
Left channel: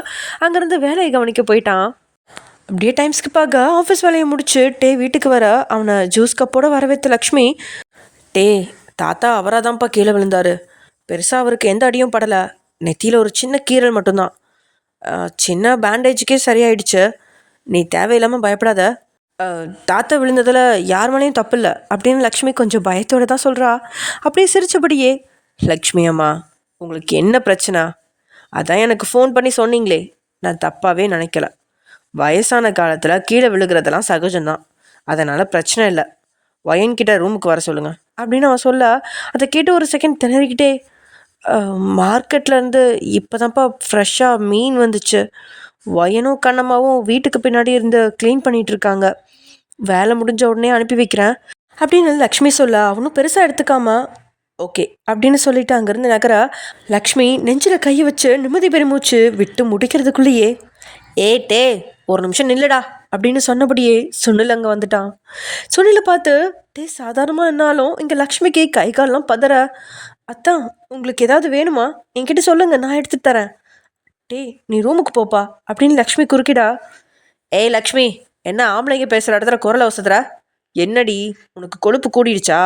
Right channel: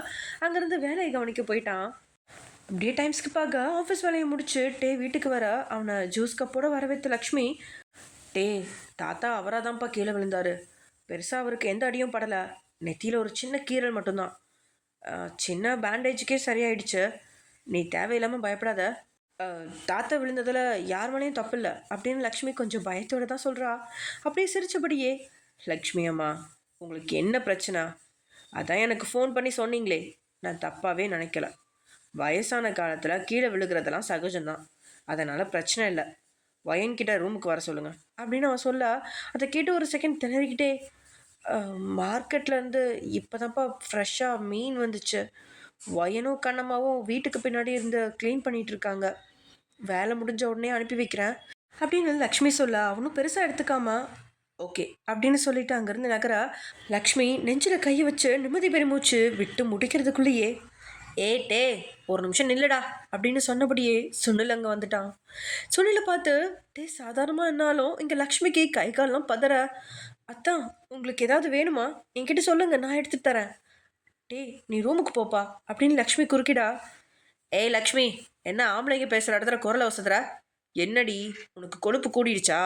அங்கேருந்து வேலையை கவனிக்க போயிட்டான். அப்படியே டைம் ஸ்கிப்பாக ஆஃபீஸ் வேலையை முடிச்சு டே வீட்டுக்கு வர அவனை ஜூஸ் கப்போடு வரவேற்ற லக்ஷ்மி, டே தாத்தா அவராக தான்ப்பா கீழே விழுந்தார். பெருசாக அவருக்கு எந்த அடியும் படலை. நெத்தியில் ஒரு சின்ன கீறல் மட்டும்தான். சின்ன பேண்டேஜுக்கே சரியாயிடுச்சு. நீ தேவையில்லாமல் பயப்படாத. தாத்தா விழுந்ததில் யார் மேலேயும் தப்பு இல்லை அப்படின்னு லக்ஷ்மி கொஞ்சம் பயத்தோடு தான் சொல்கிறா. அப்படியே சிரித்தபடியே, லக்ஷ்மி அம்மா உங்களுக்கு என்ன பிரச்சனை? அதான் எனக்கு ஃபோன் பண்ணி சொன்னீங்களே, நான் தப்பாகவே நினைக்கல. வயசான காலத்தில் கீழே விழுகிறதெல்லாம் சகஜம்தான். அதனால் பிரச்சனை இல்லை. ஒயன்கிட்ட ரூமுக்கு வர சொல்லுங்கள் அப்படின்னு அவன் சொல்ல, அதை கேட்டு ஒரு செகண்ட் திணறிக்கிட்டே, மார்க்கெட்லேருந்து இப்போ தான்ப்பா ஃப்ரெஷ்ஷாக மீன் வந்துச்சு. ஒயனும் கண்ணம்மாவும் வீட்டுக்கு பின்னாடி இருந்து க்ளீன் பண்ணிகிட்ருக்காங்க. வேலை முடிஞ்ச உடனே அனுப்பி வைக்கிறேன் அப்படின்னு லக்ஷ்மி சொல்ல, அவனும் பெருசாக எடுத்துக்காம ஓகே அப்படின்னு சொல்லிட்டு அங்கேருந்து நகர, லக்ஷ்மி நெஞ்சில் கையை வச்சு நிம்மதி பெருமூச்சு விட்டு முடிக்கிறதுக்குள்ளேயே, டே ஒரு நிமிஷம் நில்லுடா அப்படின்னு சொன்னபடியே சுனில் அங்கே வந்துட்டான். சுனிலை பார்த்து, சாதாரணமாக என்னாலும் இங்கே லக்ஷ்மிக்கு கை காலெலாம் பதற. அத்தான் உங்களுக்கு ஏதாவது வேணுமா என்கிட்ட சொல்லுங்கள், நான் எடுத்துகிட்டு தரேன். நீ ரூமுக்கு போப்பா அப்படின்னு லக்ஷ்மி குறுக்கிடா. லக்ஷ்மி, என்ன ஆம்பளைங்க பேசுகிற இடத்துல குரலை வசதுற? என்னடி உனக்கு கொழுப்பு கூடிடுச்சா?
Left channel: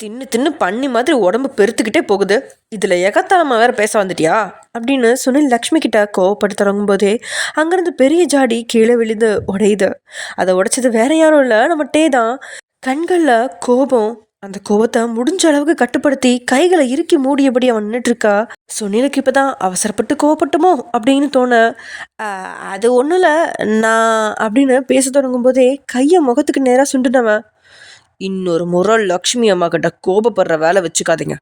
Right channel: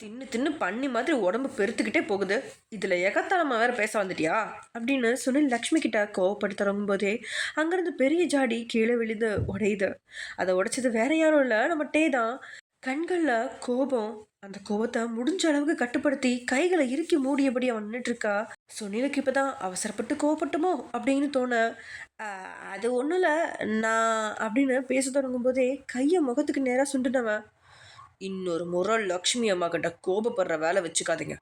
தின்னு தின்னு பண்ணி மாதிரி உடம்பு பெருத்துக்கிட்டே போகுது. இதில் எகத்தாலமாக வேற பேச வந்துட்டியா அப்படின்னு சுனில் லக்ஷ்மி கிட்ட கோவப்பட்டு தொடங்கும் போதே அங்கேருந்து பெரிய ஜாடி கீழே விழுந்து உடையுது. அதை உடைச்சது வேற யாரும் இல்லை, நம்ம தான். கண்களில் கோபம். அந்த கோபத்தை முடிஞ்ச அளவுக்கு கட்டுப்படுத்தி கைகளை இறுக்கி மூடியபடி அவன் நின்றுட்டுருக்கா. சுனிலுக்கு இப்போ தான் அவசரப்பட்டு கோவப்பட்டுமோ அப்படின்னு தோண, அது ஒன்றும் இல்லை நான் அப்படின்னு பேச தொடங்கும் போதே கையை முகத்துக்கு நேராக சுண்டுனவன், இன்னொரு முறை லக்ஷ்மி அம்மா கிட்ட கோபப்படுற வேலை வச்சுக்காதீங்க.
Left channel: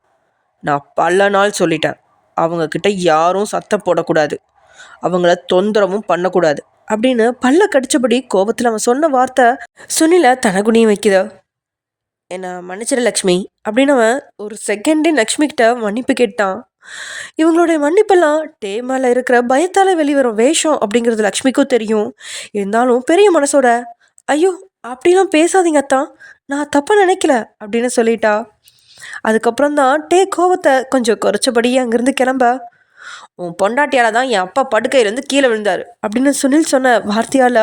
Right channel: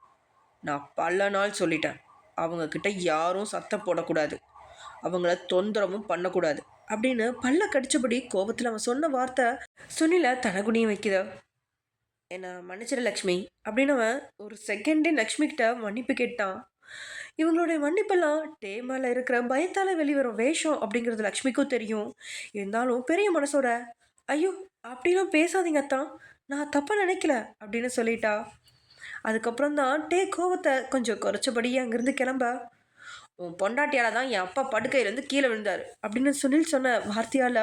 நான் பல நாள் சொல்லிட்டேன், அவங்கக்கிட்ட யாரும் சத்தம் போடக்கூடாது, அவங்கள தொந்தரவும் பண்ணக்கூடாது அப்படின்னு பல்ல கடிச்சபடி கோபத்தில் அவன் சொன்ன வார்த்தை சுனிலை தனகுனியும் வைக்குதா. என்னை மன்னிச்சிட லக்ஷ்மி அப்படின்னு அவன் ஒரு செகண்டே லக்ஷ்மி கிட்ட மன்னிப்பு கேட்டான். இவங்களுடைய மன்னிப்பெல்லாம் மேலே இருக்கிற பயத்தால் வெளிவரும் வேஷம் அப்படிங்கிறது லக்ஷ்மிக்கும் தெரியும். இருந்தாலும் பெரிய மனசோட, ஐயோ அப்படிலாம் பேசாதீங்க அத்தான், நான் தப்பாக நினைக்கல அப்படின்னு சொல்லிட்டா. அதுக்கப்புறம் தான் கோவத்தை கொஞ்சம் குறைச்சபடி அங்கேருந்து கிளம்ப, உன் பொண்டாட்டியால் தான் என் அப்பா படுக்கையிலேருந்து கீழே விழுந்தார் அப்படின்னு சுனில் சொன்ன வார்த்தையால்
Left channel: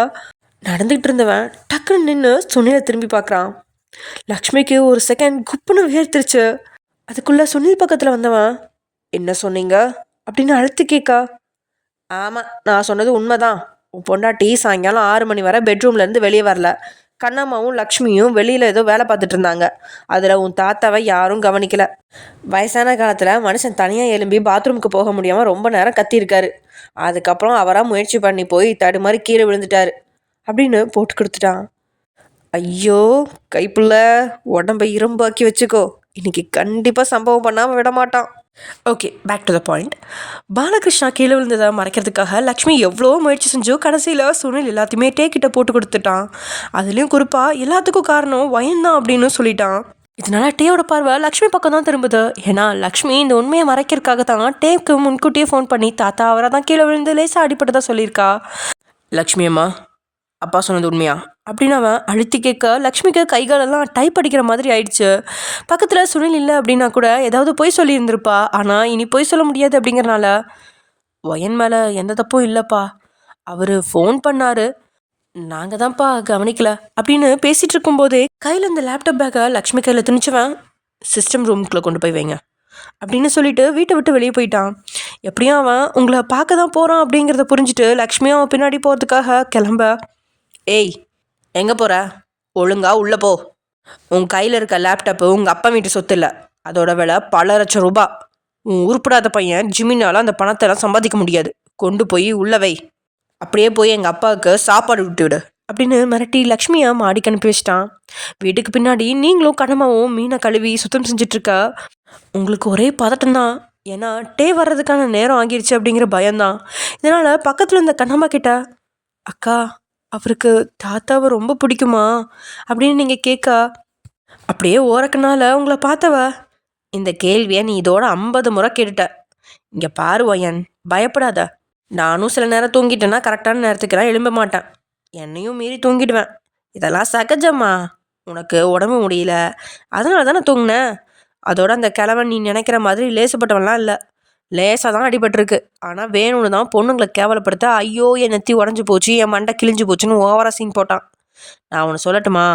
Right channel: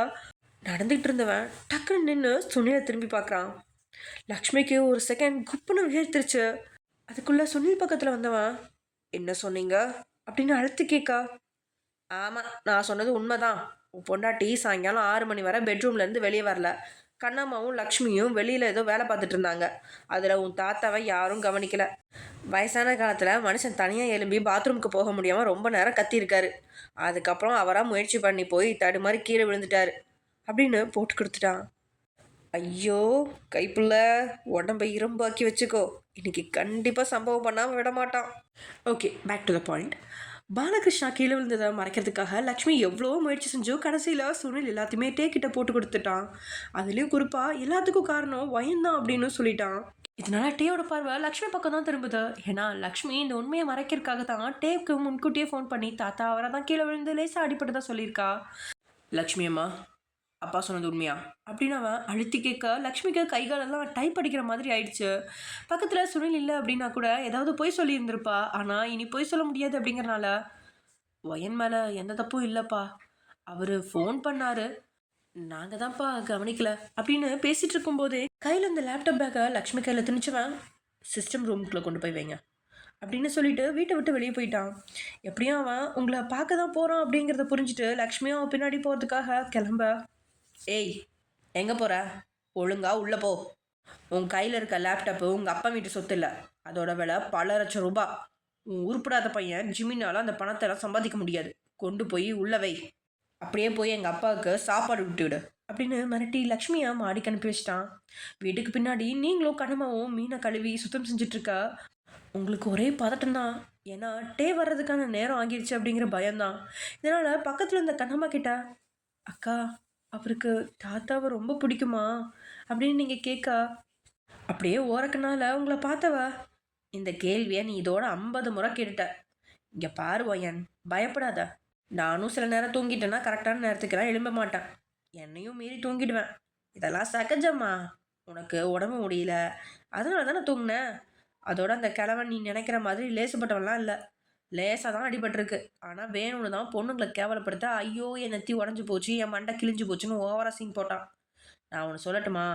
நடந்துகிட்டு இருந்தவன் டக்குன்னு நின்று சுனிலை திரும்பி பார்க்குறான். லக்ஷ்மிக்கு ஒரு செகண்ட் குப்புன்னு வேர்த்திருச்சு. அதுக்குள்ளே சுனில் பக்கத்தில் வந்தவன், என்ன சொன்னீங்க அப்படின்னு அழுத்து கேட்கா. ஆமாம், நான் சொன்னது உண்மைதான். உன் பொண்டாட்டி சாயங்காலம் 6 மணி வரை பெட்ரூம்லேருந்து வெளியே வரல. கண்ணம்மாவும் லக்ஷ்மியும் வெளியில் ஏதோ வேலை பார்த்துட்டு இருந்தாங்க. அதில் உன் தாத்தாவை யாரும் கவனிக்கலை. வயசான காலத்தில் மனுஷன் தனியாக எழும்பி பாத்ரூமுக்கு போக முடியாமல் ரொம்ப நேரம் கத்தியிருக்காரு. அதுக்கப்புறம் அவராக முயற்சி பண்ணி போய் தடுமாறி கீழே விழுந்துட்டாரு அப்படின்னு போட்டு கொடுத்துட்டான். ஐயோ கைப்புள்ள, உடம்பை இரும்பாக்கி வச்சுக்கோ, இன்னைக்கு கண்டிப்பாக சம்பவம் பண்ணாமல் விட மாட்டான். Okay, back to the point. Balakrishna கீழே விழுந்ததை மறைக்கிறதுக்காக லக்ஷ்மி எவ்வளோ முயற்சி செஞ்சோ கடைசியில் சுனில் எல்லாத்தையுமே கிட்ட போட்டு கொடுத்துட்டான். அதுலேயும் குறிப்பாக எல்லாத்துக்கும் காரணம் வயன்தான் அப்படின்னு சொல்லிட்டான். இதனால டேயோட பார்வை லக்ஷ்மி பக்கம் தான் திரும்புது. ஏன்னா லக்ஷ்மி இந்த உண்மையை மறைக்கிறதுக்காக தான் டேக்கு முன்கூட்டியே ஃபோன் பண்ணி தாத்தா அவரை தான் கீழே விழுந்து லேசாக அடிப்பட்டதா சொல்லியிருக்கா. லக்ஷ்மி அம்மா, அப்பா சொன்னது உண்மையா அப்படின்னு அவன் அழுத்தி கேட்க லக்ஷ்மிக்கு கைகாலெல்லாம் டைப் அடிக்கிற மாதிரி ஆயிடுச்சு. பக்கத்தில் சுனில் இல்லை அப்படின்னா கூட ஏதாவது பொய் சொல்லியிருந்திருப்பா. ஆனால் இனி பொய் சொல்ல முடியாது அப்படிங்கிறனால, ஒயன் மேலே எந்த தப்பும் இல்லைப்பா, அவர் ஃபோன் பண்ணார், நாங்கள் தான்ப்பா கவனிக்கல அப்படின்னு பேசிகிட்டு இருக்கும்போதே கையில் இந்த லேப்டாப் பேக்கை லக்ஷ்மி கையில் திணிச்சவன், சிஸ்டம் ரூமுக்குள்ளே கொண்டு போய் வைங்க அப்படின்னு சொல்லிட்டு வீட்டை விட்டு வெளியே போயிட்டான். எப்படியும் அவன் உங்களை பார்க்க தான் போகிறான் அப்படிங்கிறத புரிஞ்சுட்டு லக்ஷ்மியும் அவன் பின்னாடி போகிறதுக்காக கிளம்ப, எங்கே போகிற, ஒழுங்கா உள்ளே போ. உன் கையில் இருக்க லேப்டாப்பு உங்கள் அப்பா வீட்டு சொத்து இல்லை, அதோட விலை பல லட்சம் ரூபா. உன் உருப்படாத பையன் ஜிமினால் அந்த பணத்தெல்லாம் சம்பாதிக்க முடியாது. கொண்டு போய் உள்ள வை. அப்படியே போய் எங்கள் அப்பாவுக்கு சாப்பாடு விட்டு விடு அப்படின்னு மிரட்டி லக்ஷ்மியை மாடிக்கு அனுப்பி வச்சிட்டான். வீட்டுக்கு பின்னாடி நீங்களும் கண்ணம்மாவும் மீனை கழுவி சுத்தம் செஞ்சிட்ருக்க. உங்களுக்கு ஒரே பதட்டம் தான், ஏன்னா வர்றதுக்கான நேரம் ஆகிருச்சு அப்படிங்கிற பயம்தான். இதனால் பக்கத்தில் இருந்த கண்ணம்மா கிட்ட, அக்கா அவருக்கு தாத்தாவை ரொம்ப பிடிக்குமா அப்படின்னு நீங்கள் கேட்க, அப்படியே ஓரக்கனால உங்களை பார்த்தவ, இந்த கேள்வியை நீ இதோட 50 முறை கேட்டுட்ட. இங்கே பாரு ஒயன், பயப்படாத. நானும் சில நேரம் தூங்கிட்டேன்னா கரெக்டான நேரத்துக்கெல்லாம் எழும்ப மாட்டேன், என்னையும் மீறி தூங்கிடுவேன். இதெல்லாம் சகஜம்மா, உனக்கு உடம்பு முடியல அதனால தானே தூங்கினேன். அதோட அந்த கிழமை நீ நினைக்கிற மாதிரி லேசுப்பட்டவன்லாம் இல்லை, லேசாக தான் அடிபட்டிருக்கு. ஆனால் வேணும்னு தான் பொண்ணுங்களை கேவலப்படுத்த ஐயோ என் நெத்தி உடஞ்சி போச்சு, என் மண்டை கிழிஞ்சு போச்சுன்னு ஓவராக சீன் போட்டான். நான் ஒன்று சொல்லட்டுமா,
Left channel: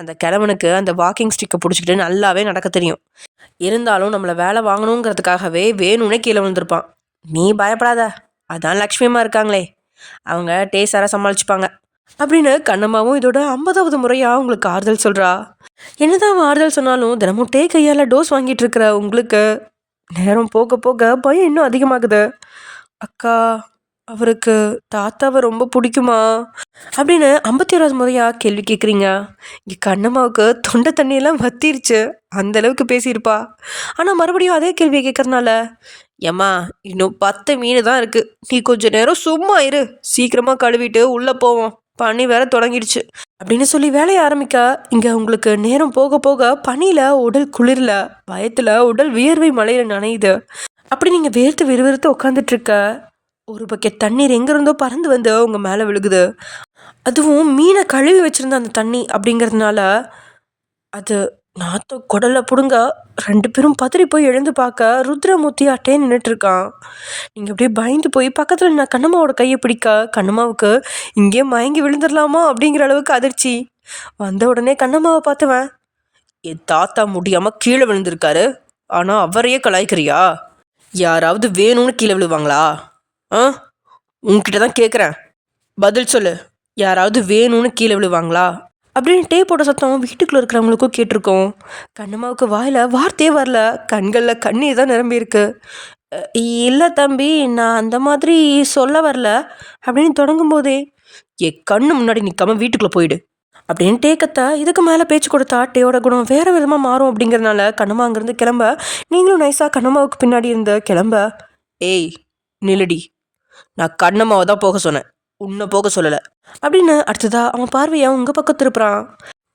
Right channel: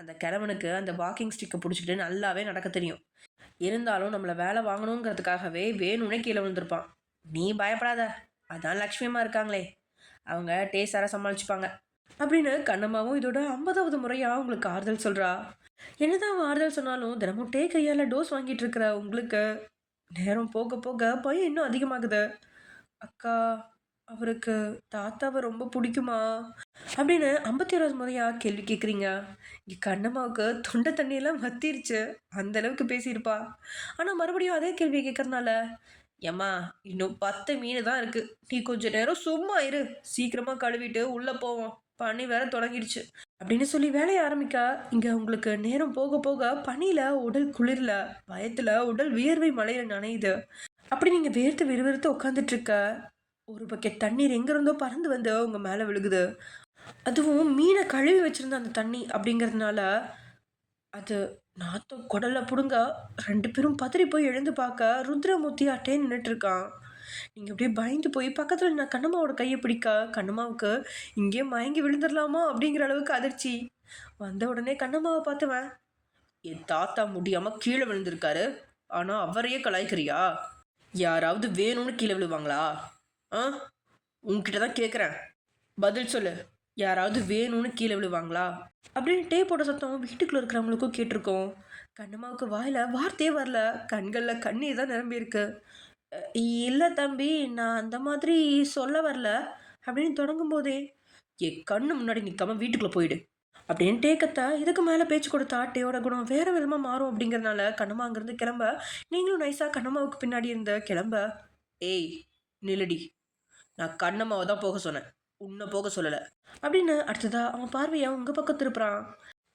அந்த கிழவனுக்கு அந்த வாக்கிங் ஸ்டிக்கை பிடிச்சிக்கிட்டு நல்லாவே நடக்க தெரியும். இருந்தாலும் நம்மளை வேலை வாங்கணுங்கிறதுக்காகவே வேணும்னே கீழே விழுந்திருப்பான். நீ பயப்படாத, அதான் லக்ஷ்மியம்மா இருக்காங்களே, அவங்க டேஸ்டாராக சமாளிச்சுப்பாங்க அப்படின்னு கண்ணம்மாவும் இதோட 50வது முறையாக உங்களுக்கு ஆறுதல் சொல்கிறா. என்னதான் அவன் ஆறுதல் சொன்னாலும் தினமும் கையால் டோஸ் வாங்கிட்டு இருக்கிற உங்களுக்கு நேரம் போக போக பயம் இன்னும் அதிகமாகுது. அக்கா அவருக்கு தாத்தாவை ரொம்ப பிடிக்குமா அப்படின்னு 51வது முறையாக கேள்வி கேட்குறீங்க. இங்கே கண்ணம்மாவுக்கு தொண்டை தண்ணியெல்லாம் வத்திருச்சு. அந்த அளவுக்கு பேசியிருப்பா. ஆனால் மறுபடியும் அதே கேள்வியை கேட்கறதுனால, ஏம்மா இன்னும் 10 மீன் தான் இருக்குது, நீ கொஞ்ச நேரம் சும்மா இரு, சீக்கிரமாக கழுவிட்டு உள்ளே போவோம், பனி வேற தொடங்கிடுச்சு அப்படின்னு சொல்லி வேலையை ஆரம்பிக்க, இங்கே உங்களுக்கு நேரம் போக போக பனியில் உடல் குளிரில், பயத்தில் உடல் வியர்வை மழையில் நனையுது. அப்படி நீங்கள் வேர்த்து விறுவிறுத்து உட்காந்துட்ருக்க, ஒரு பக்கெட் தண்ணீர் எங்கேருந்தோ பறந்து வந்து உங்கள் மேலே விழுகுது. அதுவும் மீனை கழுவி வச்சுருந்த அந்த தண்ணி அப்படிங்கிறதுனால அது நாத்தம் குடலை பிடுங்க. 2 பேரும் பதறி போய் எழுந்து பார்க்க ருத்ரமூர்த்தி அட்டையே நின்றுட்டுருக்கான். நீங்கள் அப்படியே பயந்து போய் பக்கத்தில் நான் கண்ணம்மாவோட கையை பிடிக்க, கண்ணம்மாவுக்கு இங்கேயே மயங்கி விழுந்துடலாமா அப்படிங்கிற அளவுக்கு அதிர்ச்சி. வந்த உடனே கண்ணம்மாவை பார்த்துவேன், என் தாத்தா முடியாமல் கீழே விழுந்திருக்காரு, ஆனால் அவரையே கலாய்க்கிறியா? யாராவது வேணும்னு கீழே விழுவாங்களா? ஆ, உன்கிட்ட தான் கேட்குறேன், பதில் சொல்லு. யாராவது வேணும்னு கீழே விழுவாங்களா அப்படின்னு டேப்போட சத்தம் வீட்டுக்குள்ளே இருக்கிறவங்களுக்கும் கேட்டிருக்கோம். கண்ணம்மாவுக்கு வாயில் வார்த்தையே வரல, கண்களில் கண்ணீர் தான் நிரம்பியிருக்கு. இல்லை தம்பி, நான் அந்த மாதிரி சொல்ல வரல அப்படின்னு தொடங்கும் போதே, என் கண்ணு முன்னாடி நிற்காம வீட்டுக்குள்ளே போயிடு அப்படின்னு டேக்கத்தை இதுக்கு மேலே பேச்சு கொடுத்தா டேயோட குணம் வேறு விதமாக மாறும் அப்படிங்கிறதுனால கண்ணம்மா அங்கேருந்து கிளம்ப, நீங்களும் நைஸாக கண்ணம்மாவுக்கு பின்னாடி இருந்த கிளம்ப. ஏய் நில்லடி, நான் கண்ணம்மாவை தான் போக சொன்னேன், உன்னை போக சொல்லலை அப்படின்னு அடுத்ததா அவன் பார்வையை உங்கள் பக்கம் திருப்புறான்.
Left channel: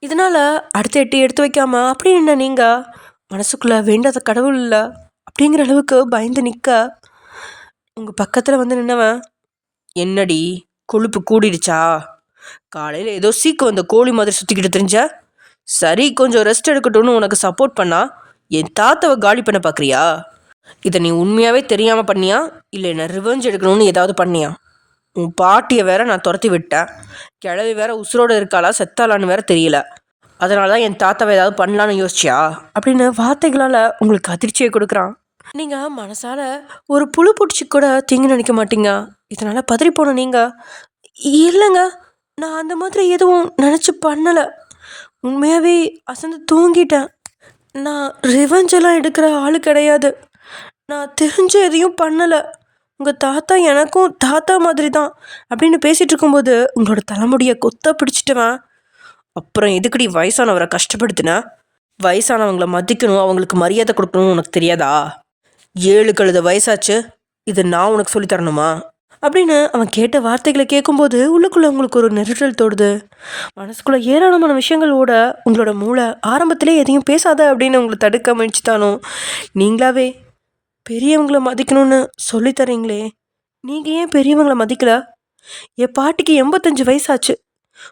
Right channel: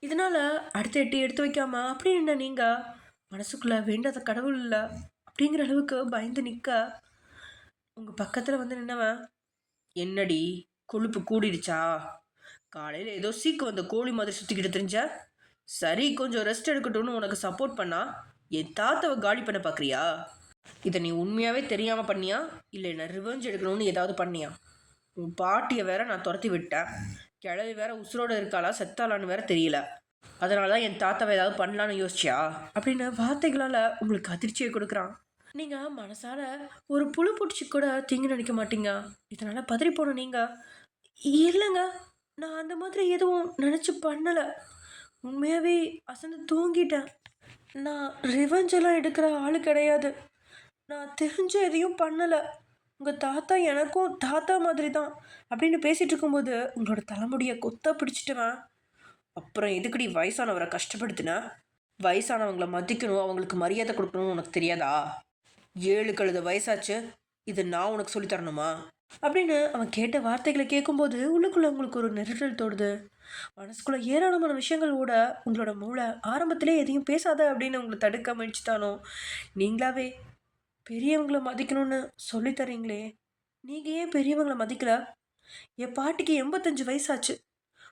இதனால் அடுத்த எட்டி எடுத்து வைக்காம அப்படி என்ன நீங்கள் மனசுக்குள்ளே வேண்டாத கடவுள் இல்லை அப்படிங்கிற அளவுக்கு பயந்து நிற்க, உங்கள் பக்கத்தில் வந்து நின்னவன், என்னடி கொழுப்பு கூடிடுச்சா? காலையில் ஏதோ சீக்கு வந்த கோழி மாதிரி சுற்றிக்கிட்டு தெரிஞ்ச, சரி கொஞ்சம் ரெஸ்ட் எடுக்கட்டும்னு உனக்கு சப்போர்ட் பண்ணா என் தாத்தாவை காலி பண்ண பார்க்குறியா? இதை நீ உண்மையாகவே தெரியாமல் பண்ணியா, இல்லை என்ன ரிவெஞ்ச் எடுக்கணும்னு ஏதாவது பண்ணியா? உன் பாட்டியை வேற நான் துரத்தி விட்டேன், கிழவி வேற உசுரோடு இருக்காளா செத்தாளான்னு வேற தெரியல, அதனால தான் என் தாத்தாவை ஏதாவது பண்ணலான்னு யோசிச்சியா அப்படின்னு வார்த்தைகளால் உங்களுக்கு அதிர்ச்சியை கொடுக்குறான். நீங்கள் மனசால் ஒரு புழு பூச்சி கூட தீங்கு நினைக்க மாட்டீங்க. இதனால் பதறி போன நீங்கள், இல்லைங்க நான் அந்த மாதிரி எதுவும் நினச்சி பண்ணலை, உண்மையாகவே அசந்து தூங்கிட்டேன், நான் ரிவெஞ்செல்லாம் எடுக்கிற ஆள் கிடையாது, நான் தெரிஞ்ச எதையும் பண்ணலை, உங்கள் தாத்தா எனக்கும் தாத்தா மாதிரி தான் அப்படின்னு பேசிகிட்டு இருக்கும்போது உங்களோட தலைமுடியை கொத்த பிடிச்சிட்டுவேன். அப்புறம் எதுக்கடி வயசானவரை கஷ்டப்படுத்தின? வயசானவங்களை மதிக்கணும், அவங்களுக்கு மரியாதை கொடுக்கணும்னு உனக்கு தெரியாதா? 7 கழுத வயசாச்சு, இது நான் உனக்கு சொல்லித்தரணுமா அப்படின்னு அவன் கேட்ட வார்த்தைகளை கேட்கும்போது உள்ளுக்குள்ளே உங்களுக்கு ஒரு நெருடல் தோடுது. மனசுக்குள்ளே ஏராளமான விஷயங்கள் ஓட உங்களோட மூளை ஆரம்பத்திலே எதையும் பேசாத அப்படின்னு உங்களை தடுக்க முயற்சித்தானோ, நீங்களாவே பெரியவங்களை மதிக்கணும்னு சொல்லித்தரீங்களே, நீங்கள் ஏன் பெரியவங்களை மதிக்கல? என் பாட்டிக்கு 85 வயசாச்சு,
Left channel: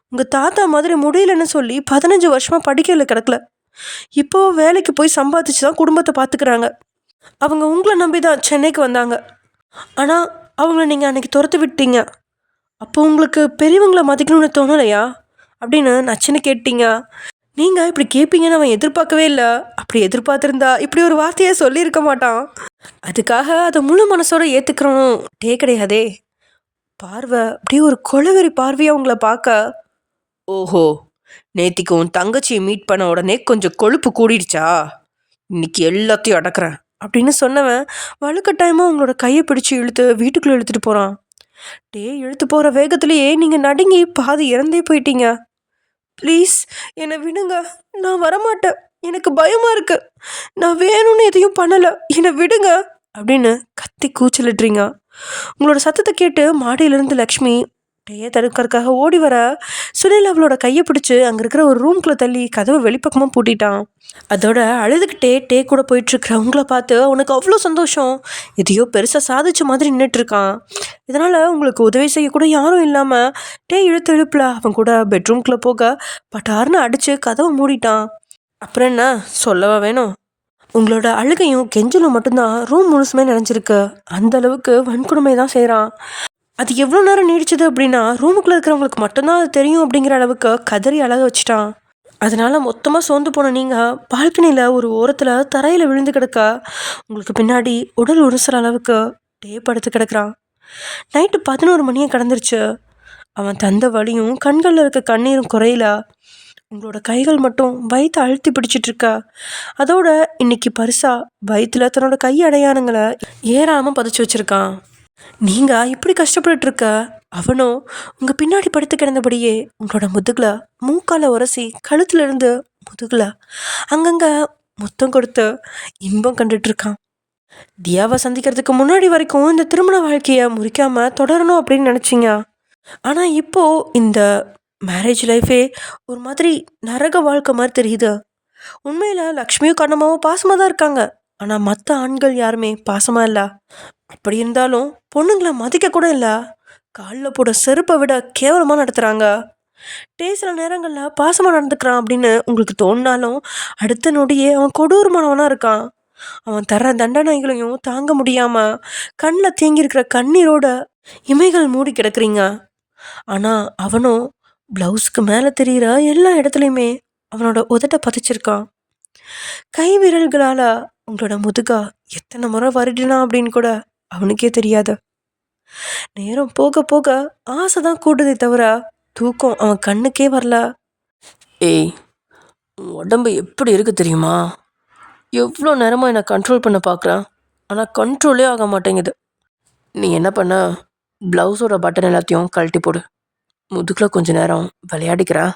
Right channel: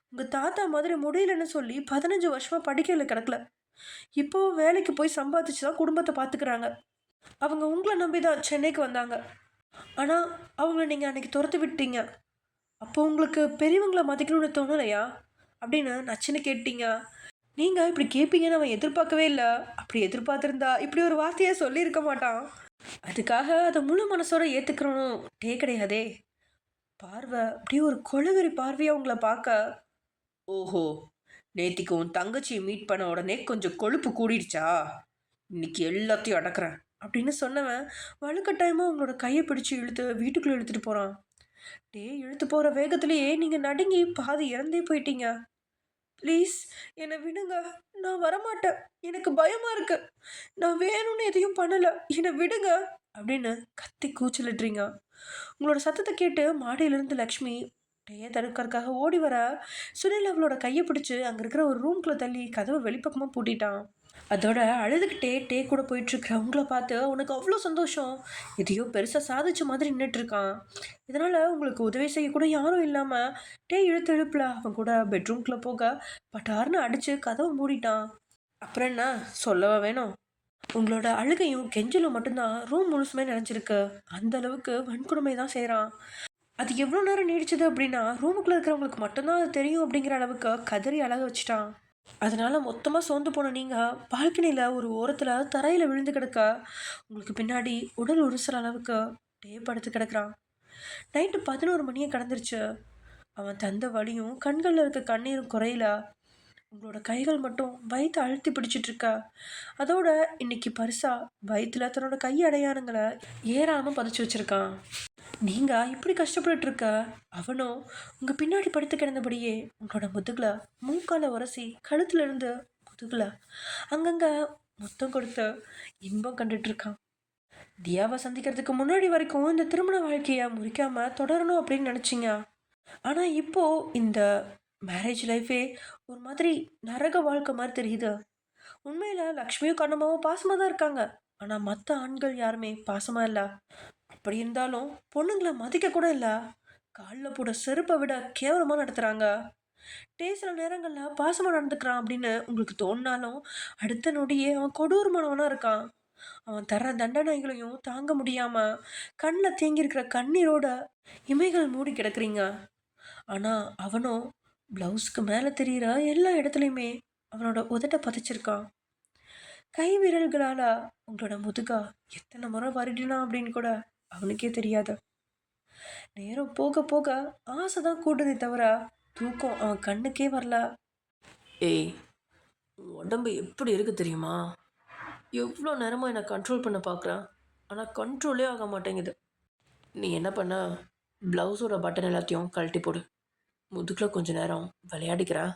உங்கள் தாத்தா மாதிரி முடியலன்னு சொல்லி 15 வருஷமாக படிக்கல கிடக்கல, இப்போது வேலைக்கு போய் சம்பாதிச்சு தான் குடும்பத்தை பார்த்துக்கிறாங்க. அவங்க உங்களை நம்பி தான் சென்னைக்கு வந்தாங்க, ஆனால் அவங்கள நீங்கள் அன்றைக்கி துரத்து விட்டீங்க. அப்போ உங்களுக்கு பெரியவங்களை மதிக்கணும்னு தோணலையா அப்படின்னு நச்சுன்னு கேட்டீங்க. நீங்கள் இப்படி கேட்பீங்கன்னு அவன் எதிர்பார்க்கவே இல்லை. அப்படி எதிர்பார்த்துருந்தா இப்படி ஒரு வார்த்தையை சொல்லியிருக்க மாட்டான். அதுக்காக அதை முழு மனசோட ஏற்றுக்கிறோம் டே கிடையாதே. பார்வை அப்படியே ஒரு கொலவெறி பார்வையாக உங்களை பார்க்க, ஓஹோ நேத்திக்கு உன் தங்கச்சியை மீட் பண்ண உடனே கொஞ்சம் கொழுப்பு கூடிடுச்சா, இன்னைக்கு எல்லாத்தையும் அடக்கிறேன் அப்படின்னு சொன்னவன் வலுக்கட்டாயமாக உங்களோட கையை பிடிச்சி இழுத்து வீட்டுக்குள்ளே இழுத்துட்டு போகிறான். டே இழுத்து போகிற வேகத்துலேயே நீங்கள் நடுங்கி பாதி இறந்தே போயிட்டீங்க. ப்ளீஸ் என்னை விடுங்க, நான் வரமாட்டேன், எனக்கு பயமாக இருக்குது, நான் வேணும்னு எதையும் பண்ணலை, என்னை விடுங்க அப்படின்னு கத்தி கூச்சலிட்றீங்க. உங்களோட சத்தத்தை கேட்டு மாடியிலேருந்து லக்ஷ்மி டேயை தடுக்கிறதுக்காக ஓடி வர, சுனில் அவளோட கையை பிடிச்சி அங்கே இருக்கிற ஒரு ரூம்குள்ளே தள்ளி கதவை வெளிப்பக்கமாக பூட்டிட்டான். அதோட அழுதுகிட்டே டே கூட போயிட்டுருக்கிறவங்கள பார்த்து உனக்கு அவ்வளோ சந்தோஷம், எதையோ பெருசாக சாதிச்ச மாதிரி நின்றுட்டுருக்கான். இதனால் உங்களுக்கு உதவி செய்யக்கூட யாரும் இல்லாமல் டே இழுத்து இழுப்பில் அவன் கூட பெட்ரூம்குள்ளே போக பட்டார்னு அடித்து கதவை மூடிட்டான். அப்புறம் என்ன சொல்லவா வேணும், உங்களோட அழுகையும் கெஞ்சலும் மட்டும்தான் ரூம் முழுசுமே நினைஞ்சிருக்கு. அந்த அளவுக்கு வன்கொடுமை தான் செய்கிறான். அது எவ்வளோ நேரம் நீடிச்சது அப்படின்னா ரூமுக்குள்ளே இருக்கிறவங்களுக்கு மட்டும்தான் அது தெரியும் அப்படிங்கிற அளவுக்கு கதறி அழக வச்சுட்டான். அதனால் மொத்தமாக சோர்ந்து போன நீங்கள் பால்கனியில் ஒரு ஓரத்தில் தரையில் விழுந்து கிடக்க, உங்களுக்கு பின்னாடி உடல் உரசுற அளவுக்கு டே படுத்து கிடக்கிறான். நைட்டு 11 மணியை கடந்துருச்சு. அவன் தந்த வலியும் கண்களில் இருக்க கண்ணீரும் குறையில. உங்களோட கைகள் மட்டும் வயிற்ற அழுத்தி பிடிச்சிட்டு இருக்கா. அதோட இன்னைக்கு பரிசா வயிற்றுல தன்னோட கை அடையாளங்களை ஏறாமல் பதிச்சு வச்சிருக்கான். நீங்கள் இப்படி கஷ்டப்பட்டுட்டு இருக்க அவனும் உங்கள் பின்னாடி படுத்து கிடந்தபடியே உங்களோட முதுகுல மூக்கால உரசி கழுத்துல இருந்து முதுகுல அங்கங்கே முத்தம் கொடுத்து இன்பம் கண்டுட்டு இருக்கான். தியாவை சந்திக்கிறதுக்கு முன்னாடி வரைக்கும் இந்த திருமண வாழ்க்கையை முறிக்காம தொடரணும் அப்படின்னு நினச்சிங்க. ஆனால் இப்போ இந்த மேரேஜ் லைஃபே ஒரு மாதிரி நரக வாழ்க்கை மாதிரி தெரியுது. உண்மையில் லக்ஷ்மியும் கண்ணம்மாவும் பாசமாக தான் இருக்காங்க. ஆனால் மற்ற ஆண்கள் யாருமே பாசமாக இல்லை. அப்படி இருந்தாலும் பொண்ணுங்களை மதிக்க கூட இல்லை. காலில் போட செருப்பை விட கேவலமாக நடத்துகிறாங்க. சில நேரங்களில் பாசமாக நடந்துக்கிறான் அப்படின்னு உங்களுக்கு தோணினாலும் அடுத்த நொடியே அவன் கொடூரமானவனாக இருக்கான். அவன் தர்ற தண்டனைகளையும் தாங்க முடியாமல் கண்ணில் தேங்கியிருக்கிற கண்ணீரோட இமைகள் மூடி கிடக்குறீங்க. ஆனால் அவனும் ப்ளவுஸ்க்கு மேலே தெரிகிற எல்லா இடத்துலையுமே அவனோட உதட்ட பதிச்சிருக்கான். கை விரல்களால் உங்களோட முதுகா எத்தனை முறை வருடினான் அப்படின்னு கூட அவனுக்கே தெரியாது. நேரம் போக போக ஆசை தான் கூடுதே தவிர தூக்கம் அவன் கண்ணுக்கே வரல. ஏய், உன் உடம்பு எப்படி இருக்கு தெரியுமா? எவ்வளோ நேரமாக என்னை கண்ட்ரோல் பண்ண பார்க்குறேன், ஆனால் கண்ட்ரோலே ஆக மாட்டேங்குது. நீ என்ன பண்ண, ப்ளவுஸோட பட்டன் எல்லாத்தையும் கழட்டி போடு, முதுகில் கொஞ்ச நேரம் விளையாடிக்கிறேன்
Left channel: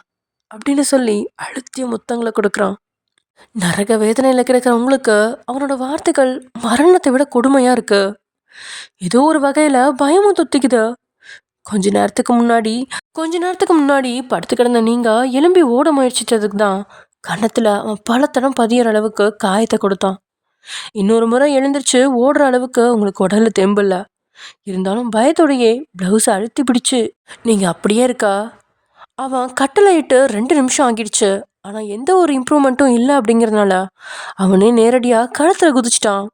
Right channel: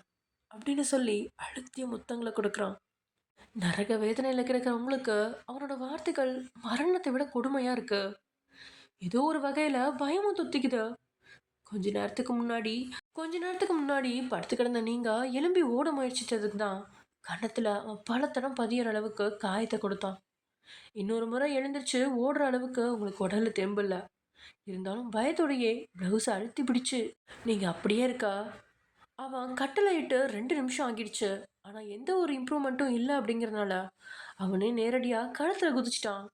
அப்படின்னு சொல்லி அழுத்திய முத்தங்களை கொடுக்குறான். நரக வேதனையில் கிடக்கிற உங்களுக்கு அவனோட வார்த்தைகள் மரணத்தை விட கொடுமையாக இருக்கு. ஏதோ ஒரு வகையில் பயமும் தொத்திக்குது. கொஞ்ச நேரத்துக்கு முன்னாடி படுத்து கிடந்த நீங்கள் எலும்பி ஓட முயற்சித்ததுக்கு தான் கன்னத்தில் அவன் பல தடம் பதியிற அளவுக்கு காயத்தை கொடுத்தான். இன்னொரு முறை எழுந்திரிச்சு ஓடுற அளவுக்கு உங்களுக்கு உடல்ல தெம்பில்ல. இருந்தாலும் பயத்தோடையே ப்ளவுஸை அழுத்தி பிடிச்சு நீங்கள் அப்படியே இருக்கா. அவன் கட்டளை இட்டு 2 நிமிஷம் ஆகிடுச்சு. ஆனால் எந்த ஒரு இம்ப்ரூவ்மெண்ட்டும் இல்லை. அப்படிங்கிறதுனால அவனே நேரடியாக களத்தில் குதிச்சிட்டான்.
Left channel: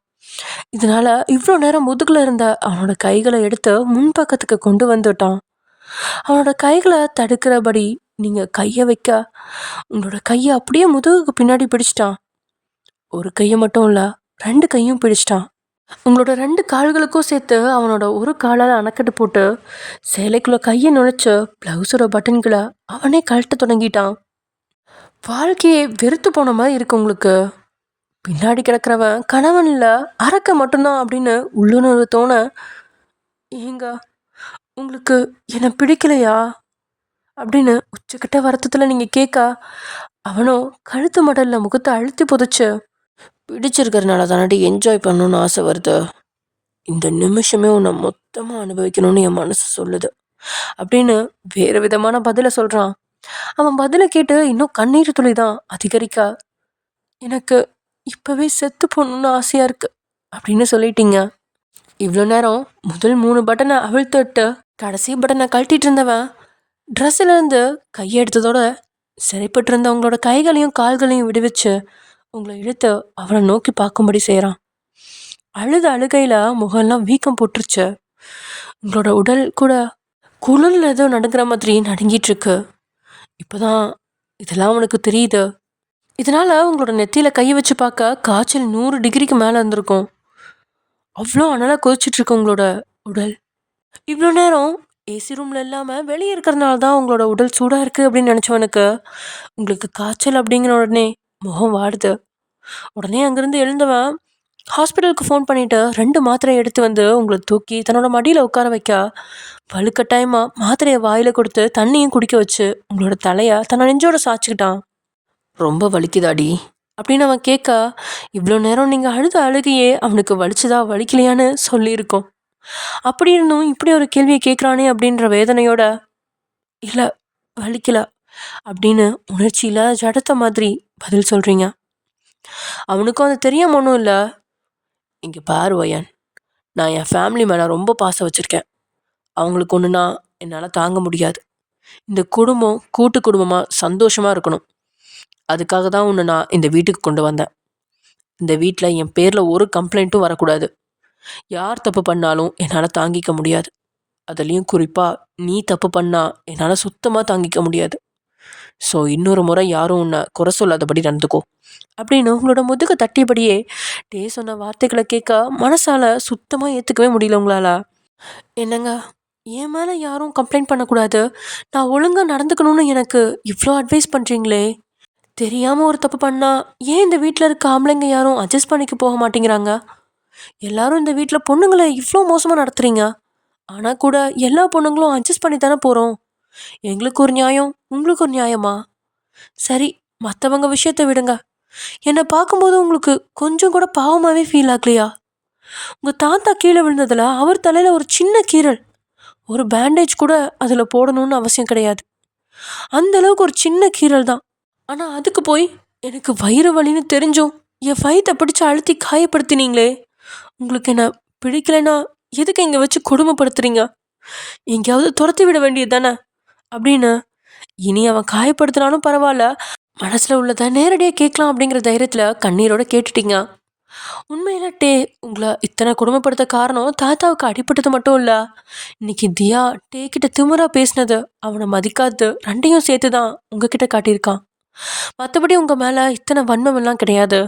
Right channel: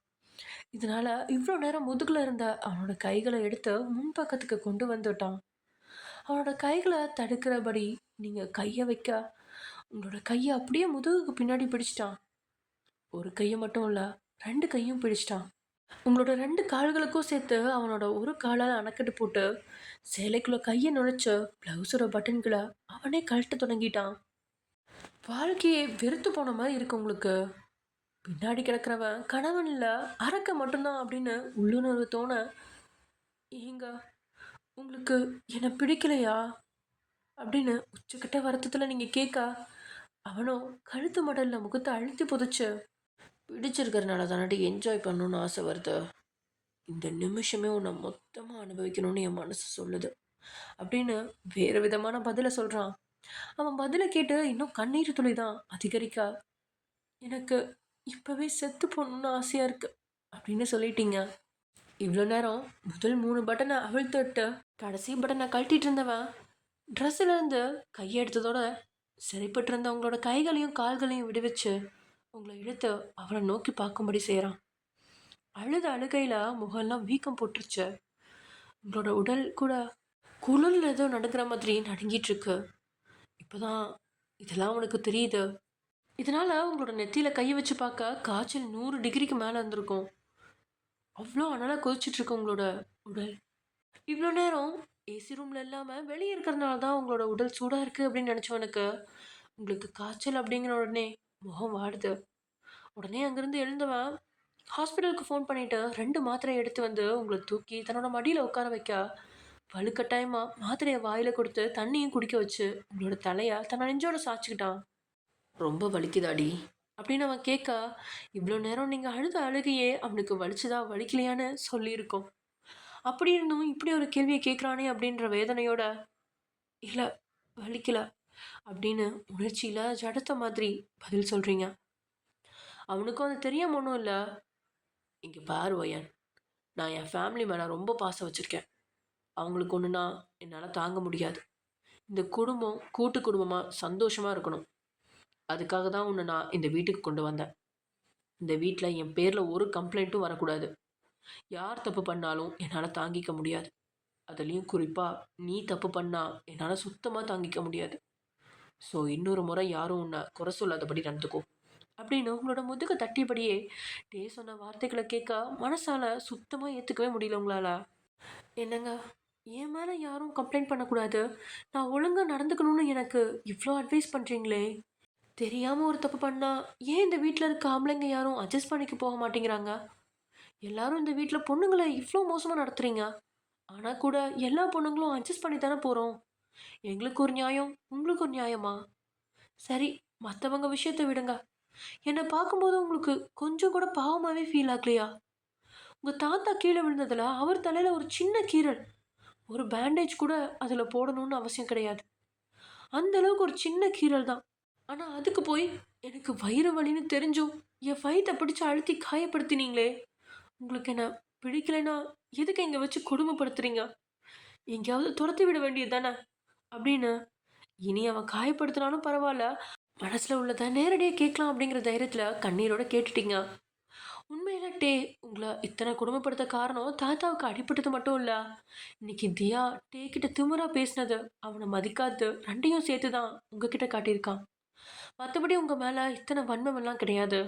இதனால இவ்வளோ நேரம் முதுகில் இருந்த அவனோட கைகளை எடுத்து முன்பக்கத்துக்கு கொண்டு வந்துட்டான். அவனோட கைகளை தடுக்கிறபடி நீங்கள் கையை வைக்க உங்களோட கையை அப்படியே முதுகுக்கு பின்னாடி பிடிச்சிட்டான். ஒரு கையை மட்டும் இல்லை, 2 கையும் பிடிச்சிட்டான். உங்களோட 2 கால்களுக்கும் சேர்த்து அவனோட ஒரு காலால் அணைக்கட்டு போட்டு சேலைக்குள்ளே கையை நுழைச்சு ப்ளவுஸோட பட்டன்களை அவனே கழட்ட தொடங்கிட்டான். வாழ்க்கையே வெறுத்து போன மாதிரி இருக்கு உங்களுக்கு. பின்னாடி கிடக்கிறவன் கணவன் இல்லை, அரக்க மட்டும்தான் அப்படின்னு உள்ளுணர்வு தோண, ஏங்க உங்களுக்கு என்னை பிடிக்கலையா அப்படின்னு உச்சக்கிட்ட வருத்தத்தில் நீங்கள் கேட்க, அவனோ கழுத்து மடலில் முகத்தை அழுத்தி புதைச்சு, பிடிச்சிருக்கிறதுனால தானடி என்ஜாய் பண்ணணும்னு ஆசை வருது, இந்த நிமிஷமே உன்னை மொத்தமாக அனுபவிக்கணும்னு என் மனசு சொல்லுது அப்படின்னு வேறு விதமான பதிலை சொல்கிறான். அவன் பதிலை கேட்டு இன்னும் கண்ணீர் துளி தான் அதிகரிக்க, எனக்கு இப்போவே செத்து போகணுன்னு ஆசையாக இருக்குது அப்படின்னு சொல்லிட்டீங்க. இவ்வளோ நேரம் முதல் 3 பட்டனை அவிழ்த்துட்டு கடைசி பட்டனை கழட்டிட்டு இருந்தவன் ட்ரெஸ்ஸிலேருந்து கையெடுத்ததோட சிறைப்பட்டு இருந்த உங்களோட கைகளையும் கால்களையும் விடுவிச்சு உங்களை இழுத்து அவனை நோக்கி பார்க்கும்படி செய்கிறான். அழுகையில் முகம்லாம் வீக்கம் போட்டுருச்சு. உங்களோட உடல் கூட குளிரில் ஏதோ நடுங்கிற மாதிரி நடுங்கிட்டுருக்கு. இப்போ தான் இதெல்லாம் உனக்கு தெரியுது. இதனால் உங்களோட நெத்தியில் கையை வச்சு பார்க்க காய்ச்சல் 100 டிகிரிக்கு மேலே இருந்திருக்கும். அவ்வளோ அனலாக கொதிச்சிட்ருக்கு உங்களோட உடல். இவ்வளோ நேரம் ஏசி ரூமில் இல்லாமல் வெளியே இருக்கிறதுனால தான் உங்களோட உடல் சூடாக இருக்குது அப்படின்னு நினச்சவனுக்கு உங்களுக்கு காய்ச்சல் அப்படிங்கிற உடனே முகம் வாடுது. உடனே அங்கேருந்து எழுந்தவன் ஹாஸ்பிட்டலுக்கு ஃபோன் பண்ணிவிட்டு 2 மாத்திரையை எடுத்து வந்து உங்களை தூக்கி தன்னோட மடியில் உட்கார வைக்க, வலுக்கட்டாயமாக மாத்திரையை வாயில் கொடுத்து தண்ணியும் குடிக்க வச்சு உங்களோட தலையை தன்னோட நெஞ்சோட சாய்ச்சிக்கிட்டான். ரொம்ப வலிக்குதாடி அப்படின்னு அவன் கேட்க, இவ்வளோ நேரம் நீங்கள் அழுகையே அவனுக்கு வலிச்சுதா வலிக்கலையான்னு சொல்லியிருக்கோம். அப்படி இருந்தும் இப்படி ஒரு கேள்வியை கேட்குறானே அப்படின்ற வேதனையோட, இல்லை வலிக்கல அப்படின்னு உணர்ச்சியில் ஜடத்த மாதிரி பதில் சொல்கிறீங்க. அவனுக்கும் அது தெரியாம ஒன்றும் இல்லை. இங்கே பாரு வயன், நான் என் ஃபேமிலி மேலே ரொம்ப பாசம் வச்சுருக்கேன். அவங்களுக்கு ஒன்றுனா என்னால் தாங்க முடியாது. இந்த குடும்பம் கூட்டு குடும்பமாக சந்தோஷமாக இருக்கணும். அதுக்காக தான் உன்னை நான் இந்த வீட்டுக்கு கொண்டு வந்தேன். இந்த வீட்டில் என் பேரில் ஒரு கம்ப்ளைண்ட்டும் வரக்கூடாது. யார் தப்பு பண்ணாலும் என்னால் தாங்கிக்க முடியாது. அதுலேயும் குறிப்பாக நீ தப்பு பண்ணால் என்னால் சுத்தமாக தாங்கிக்க முடியாது. ஸோ இன்னொரு முறை யாரும் உன்னை குறை சொல்லாதபடி நடந்துக்கோ அப்படின்னு உங்களோட முதுக தட்டியபடியே சொன்ன வார்த்தைகளை கேட்க மனசால் சுத்தமாக ஏற்றுக்கவே முடியல உங்களால். என்னங்க என் மேலே யாரும் கம்ப்ளைண்ட் பண்ணக்கூடாது, நான் ஒழுங்காக நடந்துக்கணும்னு எனக்கு இவ்வளோ அட்வைஸ் பண்ணுறீங்களே. தெரியாமல் ஒரு தப்பு பண்ணா ஏன் இந்த வீட்டில் இருக்க ஆம்பளைங்க யாரும் அட்ஜஸ்ட் பண்ணிக்க போக மாட்டேங்கிறாங்க? எல்லாரும் இந்த வீட்டில் பொண்ணுங்களை இவ்வளோ மோசமாக நடத்துறீங்க. ஆனால் கூட எல்லா பொண்ணுங்களும் அட்ஜஸ்ட் பண்ணி தானே போகிறோம். எங்களுக்கு ஒரு நியாயம், உங்களுக்கு ஒரு நியாயமா? சரி, மற்றவங்க விஷயத்தை விடுங்க. என்னை பார்க்கும்போது உங்களுக்கு கொஞ்சம் கூட பாவமாகவே ஃபீல் ஆகலையா? உங்கள் தாத்தா கீழே விழுந்ததில் அவர் தலையில் ஒரு சின்ன கீறல், ஒரு பேண்டேஜ் கூட அதில் போடணும்னு அவசியம் கிடையாது. அந்த அளவுக்கு ஒரு சின்ன கீறல் தான். ஆனால் அதுக்கு போய் எனக்கு வயிறு வலின்னு தெரிஞ்சும் என் வயித்தை பிடிச்சி அழுத்தி காயப்படுத்தினீங்களே. உங்களுக்கு என்ன பிடிக்கலைன்னா எதுக்கு இங்கே வச்சு கொடுமைப்படுத்துறீங்க? எங்கேயாவது துரத்தி விட வேண்டியது தானே அப்படின்னு. இனி அவன் காயப்படுத்தினாலும் பரவாயில்ல, மனசில் உள்ளதை நேரடியாக கேட்கலாம் அப்படிங்கிற தைரியத்தில் கண்ணீரோட கேட்டுட்டீங்க. உண்மையில உங்களை இத்தனை கொடுமைப்படுத்த காரணம் தாத்தாவுக்கு அடிபட்டது மட்டும் இல்லை. இன்னைக்கு தியா கிட்ட திமிரா பேசினது, அவனை மதிக்காது, ரெண்டையும் சேர்த்து தான் உங்ககிட்ட காட்டியிருக்கான். மற்றபடி உங்கள் மேலே இத்தனை வன்மமெல்லாம் கிடையாது.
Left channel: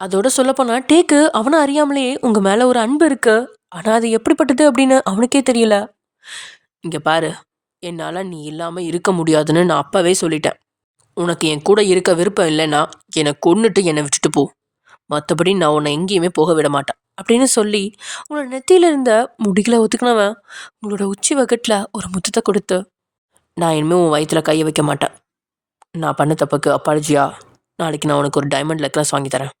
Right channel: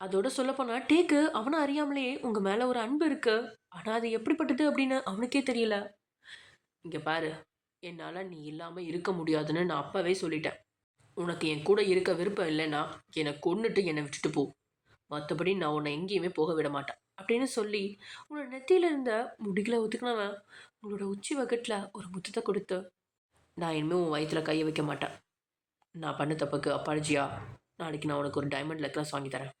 அதோட சொல்லப்போனால் அவனை அறியாமலேயே உங்கள் மேலே ஒரு அன்பு இருக்கு. ஆனால் அது எப்படிப்பட்டது அப்படின்னு அவனுக்கே தெரியல. இங்கே பாரு, என்னால் நீ இல்லாமல் இருக்க முடியாதுன்னு நான் அப்போவே சொல்லிட்டேன். உனக்கு என் கூட இருக்க விருப்பம் இல்லைன்னா என்னை கொன்னுட்டு என்னை விட்டுட்டு போ. மற்றபடி நான் உன்னை எங்கேயுமே போக விட மாட்டேன் அப்படின்னு சொல்லி உங்களோட நெத்தியில் இருந்த முடிகளை ஒத்துக்கினவன் உங்களோட உச்சி வகட்டில் ஒரு முத்தத்தை கொடுத்து, நான் இனிமேல் உன் வயிற்றில் கையை வைக்க மாட்டேன். நான் பண்ண தப்புக்கு அப்பாலஜியா, நாளைக்கு நான் உனக்கு ஒரு டைமண்ட் நெக்லஸ் வாங்கி தரேன்.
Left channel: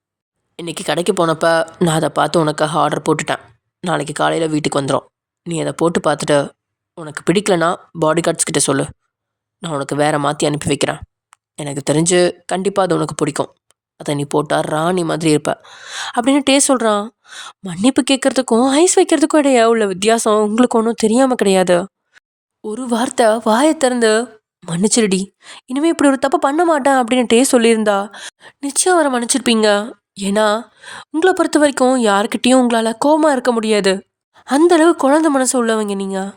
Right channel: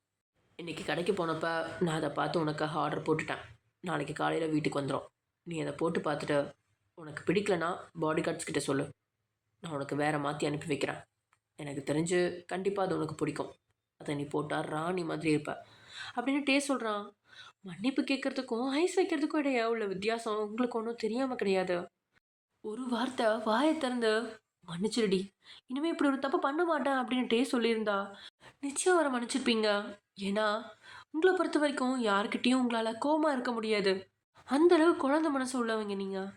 இன்றைக்கி கடைக்கு போனப்போ நான் அதை பார்த்து உனக்காக ஆர்டர் போட்டுட்டேன். நாளைக்கு காலையில் வீட்டுக்கு வந்துடும். நீ அதை போட்டு பார்த்துட்டு உனக்கு பிடிக்கலனா பாடி கார்ட்ஸ் கிட்ட சொல்லு, நான் உனக்கு வேறு மாற்றி அனுப்பி வைக்கிறேன். எனக்கு தெரிஞ்சு கண்டிப்பாக அது உனக்கு பிடிக்கும். அதை நீ போட்டால் ராணி மாதிரி இருப்ப அப்படின்னு சொல்கிறான். மன்னிப்பு கேட்குறதுக்கும் ஐஸ் வைக்கிறதுக்கும் இடையே உள்ள வித்தியாசம் உங்களுக்கு ஒன்றும் தெரியாமல் கிடையாது. ஒரு வார்த்தை வாயை திறந்து மன்னிச்சிருடி, இனிமேல் இப்படி ஒரு தப்பு பண்ண மாட்டேன் அப்படின்னு சொல்லியிருந்தா நிச்சயம் அவரை மன்னிச்சிருப்பீங்க. ஏன்னா உங்களை பொறுத்த வரைக்கும் யாருக்கிட்டேயும் உங்களால் கோபமாக இருக்க முடியாது. அந்தளவு குழந்தை மனசு உள்ளவங்க நீங்கள்.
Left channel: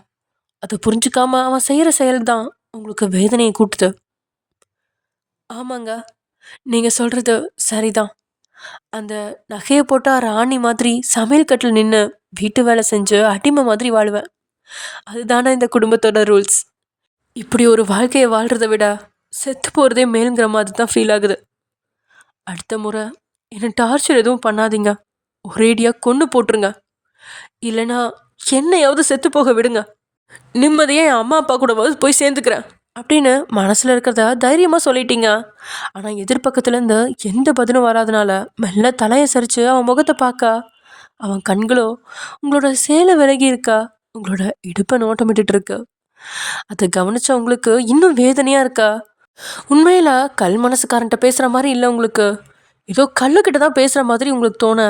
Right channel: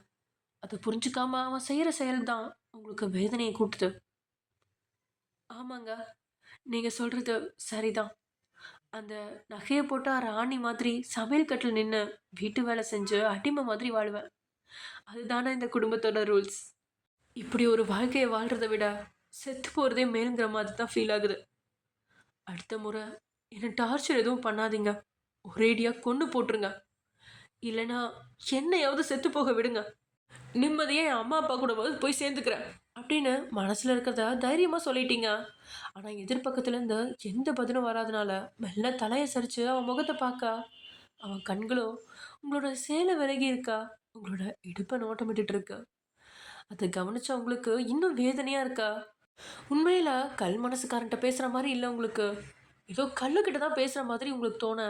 அதை புரிஞ்சுக்காம அவன் செய்கிற செயல் தான் உங்களுக்கு வேதனையை கூட்டுது. ஆமாங்க, நீங்கள் சொல்கிறது சரிதான். அந்த நகையை போட்டால் ராணி மாதிரி சமையல் கட்டில் நின்று வீட்டு வேலை செஞ்சு அடிமை மாதிரி வாழ்வேன். அதுதானே இந்த குடும்பத்தோட ரூல்ஸ். இப்படி ஒரு வாழ்க்கையை வாழ்கிறத விட செத்து போகிறதே மேலுங்கிற மாதிரி தான் ஃபீல் ஆகுது. அடுத்த முறை என்னை டார்ச்சர் எதுவும் பண்ணாதீங்க, ஒரேடியாக கொன்று போட்டுருங்க. இல்லைனா என்னையாவது செத்து போக விடுங்க. நிம்மதியாக என் அம்மா அப்பா கூட போய் சேர்ந்துக்கிறேன் அப்படின்னு மனசில் இருக்கிறத தைரியமாக சொல்லிட்டீங்க. ஆனால் எதிர்பக்கத்துலேருந்து எந்த பதிலும் வராதனால மெல்ல தலையை சரித்து அவன் முகத்தை பார்க்க, அவன் கண்களோ உங்களோட சேலை விலகி இருக்கா, உங்களோட இடுப்பை நோட்டமிட்டு இருக்கு. அதை கவனிச்ச உங்களுக்கு இன்னும் வேதனையாக இருக்கா? உண்மையில் கல் மனசுக்காரன்ட்ட பேசுகிற மாதிரி இல்லை உங்களுக்கு, ஏதோ கல்லுக்கிட்ட தான் பேசுகிற மாதிரி உங்களுக்கு தோண,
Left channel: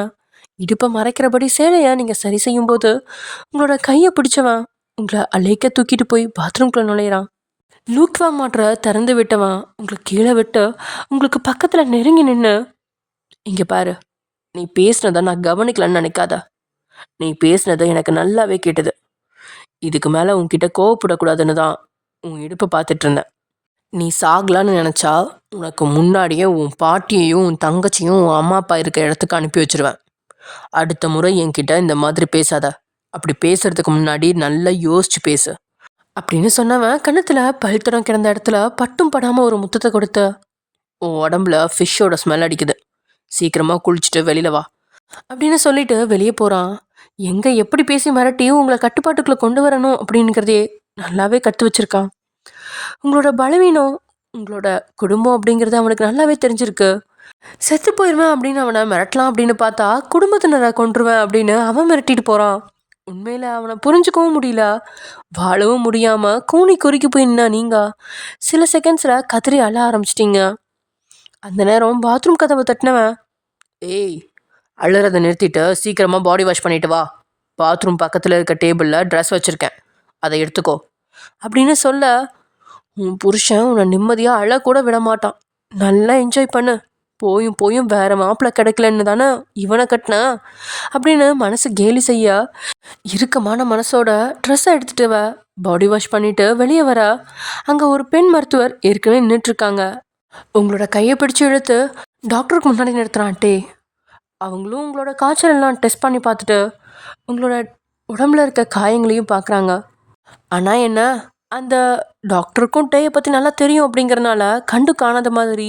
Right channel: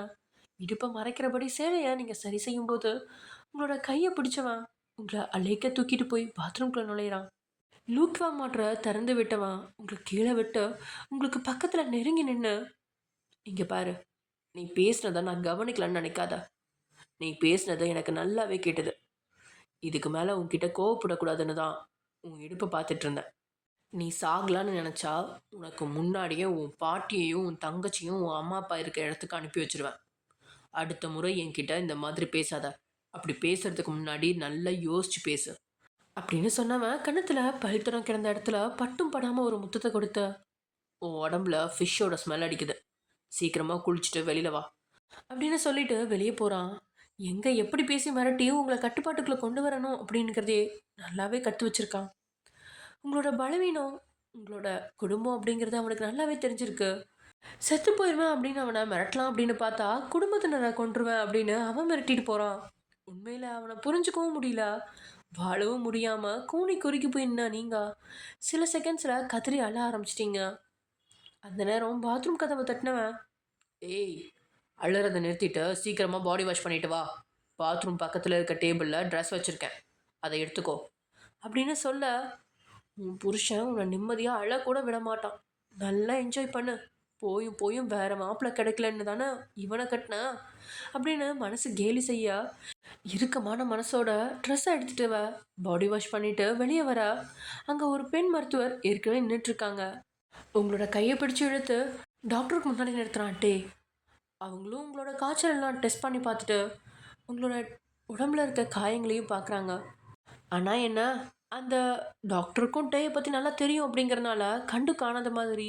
இடுப்பை மறைக்கிறபடி சேலையை நீங்கள் சரி செய்யும்போது உங்களோட கையை பிடிச்சவன் உங்களை அலைக்க தூக்கிட்டு போய் பாத்ரூம்குள்ளே நுழையிறான். லூக்வா மாற்ற திறந்து விட்டவன் உங்களை கீழே விட்டு உங்களுக்கு பக்கத்தில் நெருங்கி நின்று, இங்கே பாரு, நீ பேசுனதை நான் கவனிக்கலன்னு நினைக்காத. நீ பேசுனதை எனக்கு நல்லாவே கேட்டது. இதுக்கு மேலே உன்கிட்ட கோவப்படக்கூடாதுன்னு தான் உன் இடுப்பை பார்த்துட்டு இருந்தேன். நீ சாகலான்னு நினச்சா உனக்கு முன்னாடியே உன் பாட்டியையும் உன் தங்கச்சியும் உன் அம்மா அப்பா இருக்க இடத்துக்கு அனுப்பி வச்சிருவேன். அடுத்த முறை என்கிட்ட இந்த மாதிரி பேசாத. அப்படி பேசுறதுக்கு முன்னாடி நல்லா யோசிச்சு பேசு அப்படின்னு சொன்னவன் கன்னத்தில் பழுத்தடம் கிடந்த இடத்துல பட்டும் படாமல் ஒரு முத்தத்தை கொடுத்து, உன் உடம்புல ஃபிஷ்ஷோட ஸ்மெல் அடிக்குது, சீக்கிரமாக குளிச்சுட்டு வெளியில் வா அப்படின்னு சொல்லிட்டு வெளியே போகிறான். எங்கே எப்படி பேசி மிரட்டி உங்களை கட்டுப்பாட்டுக்குள்ளே கொண்டு வரணும் அப்படிங்கிறதே நல்லாவே கற்று வச்சுருக்கான். உங்களோட பலவீனம் உங்களோட குடும்பம் அப்படிங்கிறது அவனுக்கு நல்லாவே தெரிஞ்சிருக்கு. செத்து போயிடுவேன் அப்படின்னு அவனை மிரட்டலாம் அப்படின்னு பார்த்தா குடும்பத்தினரை கொன்றுவேன் அப்படின்னு அவன் மிரட்டிட்டு போகிறான். உண்மையில் அவனை புரிஞ்சுக்கவும் முடியல, வாழவும் முடியாமல் கூனி குறுக்கி போய் நின்னா நீங்கள் சில செகண்ட்ஸில் கதறி அழ ஆரம்பிச்சிட்டிங்க. அந்த நேரம் பாத்ரூம் கதவை தட்டினவன், ஏய், அழுறதை நிறுத்திட்டு சீக்கிரமாக பாடி வாஷ் பண்ணிட்டு வா. பாத்ரூம் பக்கத்தில் இருக்க டேபிளில் ட்ரெஸ் வச்சுருக்கேன், அதை எடுத்துக்கோ அப்படின்னு சொல்ல, உன் புருஷன் உன்னை நிம்மதியாக அழக்கூட விட மாட்டான். நல்லா என்ஜாய் பண்ணு, போயும் போயும் வேறு மாப்பிள்ளை கிடைக்கலன்னு தானே இவனை கட்டின அப்படின்னு மனசு கேலி செய்ய, இறுக்கமான மனசோட ட்ரெஸ்ஸை எடுத்துட்டு பாடி வாஷ் பண்ணிவிட்டு வெளியே வர, அங்கே ஒரு பெண் மருத்துவர் ஏற்கனவே நின்றுட்டுருக்காங்க. உங்களோட கையை பிடிச்சி இழுத்து டாக்டருக்கு முன்னாடி நிறுத்துறான்ட்டே. அவங்களும் உங்களோட காய்ச்சல் எல்லாம் டெஸ்ட் பண்ணி பார்த்துட்டு உங்களோட உடம்புல இருக்க காயங்களையும் பார்க்குறாங்க. ஆனால் என்ன, அந்த டாக்டருக்கும் டேயை பற்றி நல்லா தெரியும் அப்படிங்கிறனால கண்டு காணாத மாதிரி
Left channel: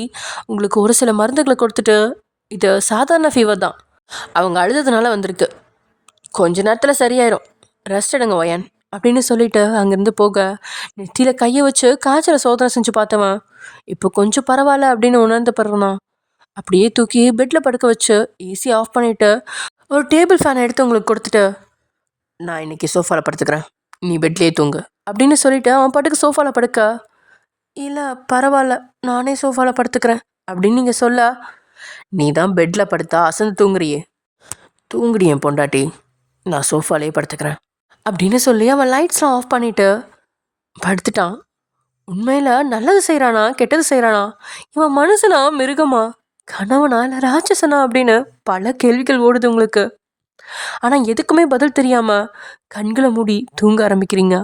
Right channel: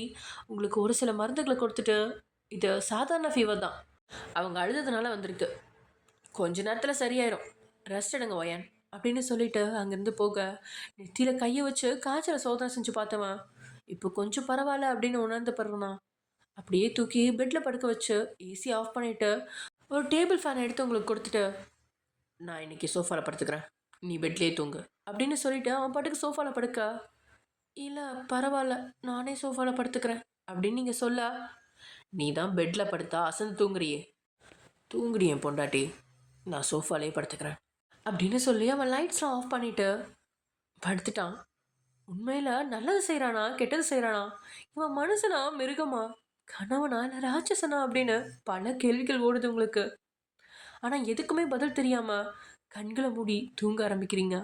உங்களுக்கு ஒரு சில மருந்துகளை கொடுத்துட்டு, இது சாதாரண ஃபீவர் தான், அவங்க அழுததுனால வந்திருக்கு, கொஞ்ச நேரத்தில் சரியாயிரும், ரெஸ்ட் எடுங்க ஒயன் அப்படின்னு சொல்லிட்டு அங்கேருந்து போக நெத்தியில் கையை வச்சு காய்ச்சலை சோதனை செஞ்சு பார்த்தவன் இப்போ கொஞ்சம் பரவாயில்ல அப்படின்னு உணர்ந்து பிறகுனா அப்படியே தூக்கி பெட்டில் படுக்க வச்சு ஏசி ஆஃப் பண்ணிவிட்டு ஒரு டேபிள் ஃபேனை எடுத்து உங்களுக்கு கொடுத்துட்டு, நான் இன்னைக்கு சோஃபாவில் படுத்துக்கிறேன், நீ பெட்லேயே தூங்கு அப்படின்னு சொல்லிட்டு அவன் பாட்டுக்கு சோஃபாவில் படுக்க, இல்லை பரவாயில்ல நானே சோஃபாவில் படுத்துக்கிறேன் அப்படின்னு நீங்கள் சொல்ல, நீ தான் பெட்டில் படுத்தா அசந்து தூங்குறியேன் பொண்டாட்டி, நான் சோஃபாலே படுத்துக்கிறேன் அப்படின்னு சொல்லி அவன் லைட்ஸ்லாம் ஆஃப் பண்ணிவிட்டு படுத்துட்டான். உண்மையில் நல்லது செய்கிறானா கெட்டது செய்கிறானா, இவன் மனுஷனா மிருகமா, கணவனா இல்லை ராட்சசனா அப்படின்னு பல கேள்விகள் ஓடுது உங்களுக்கு. ஆனால் எதுக்குமே பதில் தெரியாமல் கண்களை மூடி தூங்க ஆரம்பிக்கிறீங்க.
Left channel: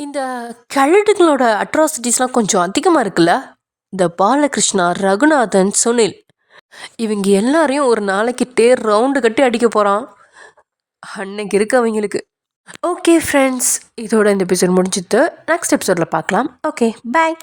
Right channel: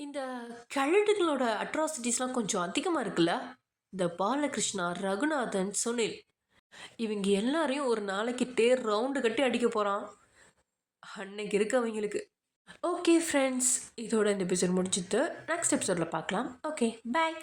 இந்த கழுடுகளோட அட்ராசிட்டிஸ்லாம் கொஞ்சம் அதிகமாக இருக்குல்ல. இந்த பாலகிருஷ்ணா, ரகுநாதன், சுனில் இவங்க எல்லாரையும் ஒரு நாளைக்கு தேர் ரவுண்டு கட்டி அடிக்க போகிறான் அன்னைக்கு இருக்கு அவங்களுக்கு. ஓகே ஃப்ரெண்ட்ஸ், இதோட இந்த எபிசோட் முடிஞ்சுட்டு நெக்ஸ்ட் எபிசோடில் பார்க்கலாம். ஓகே, பாய்.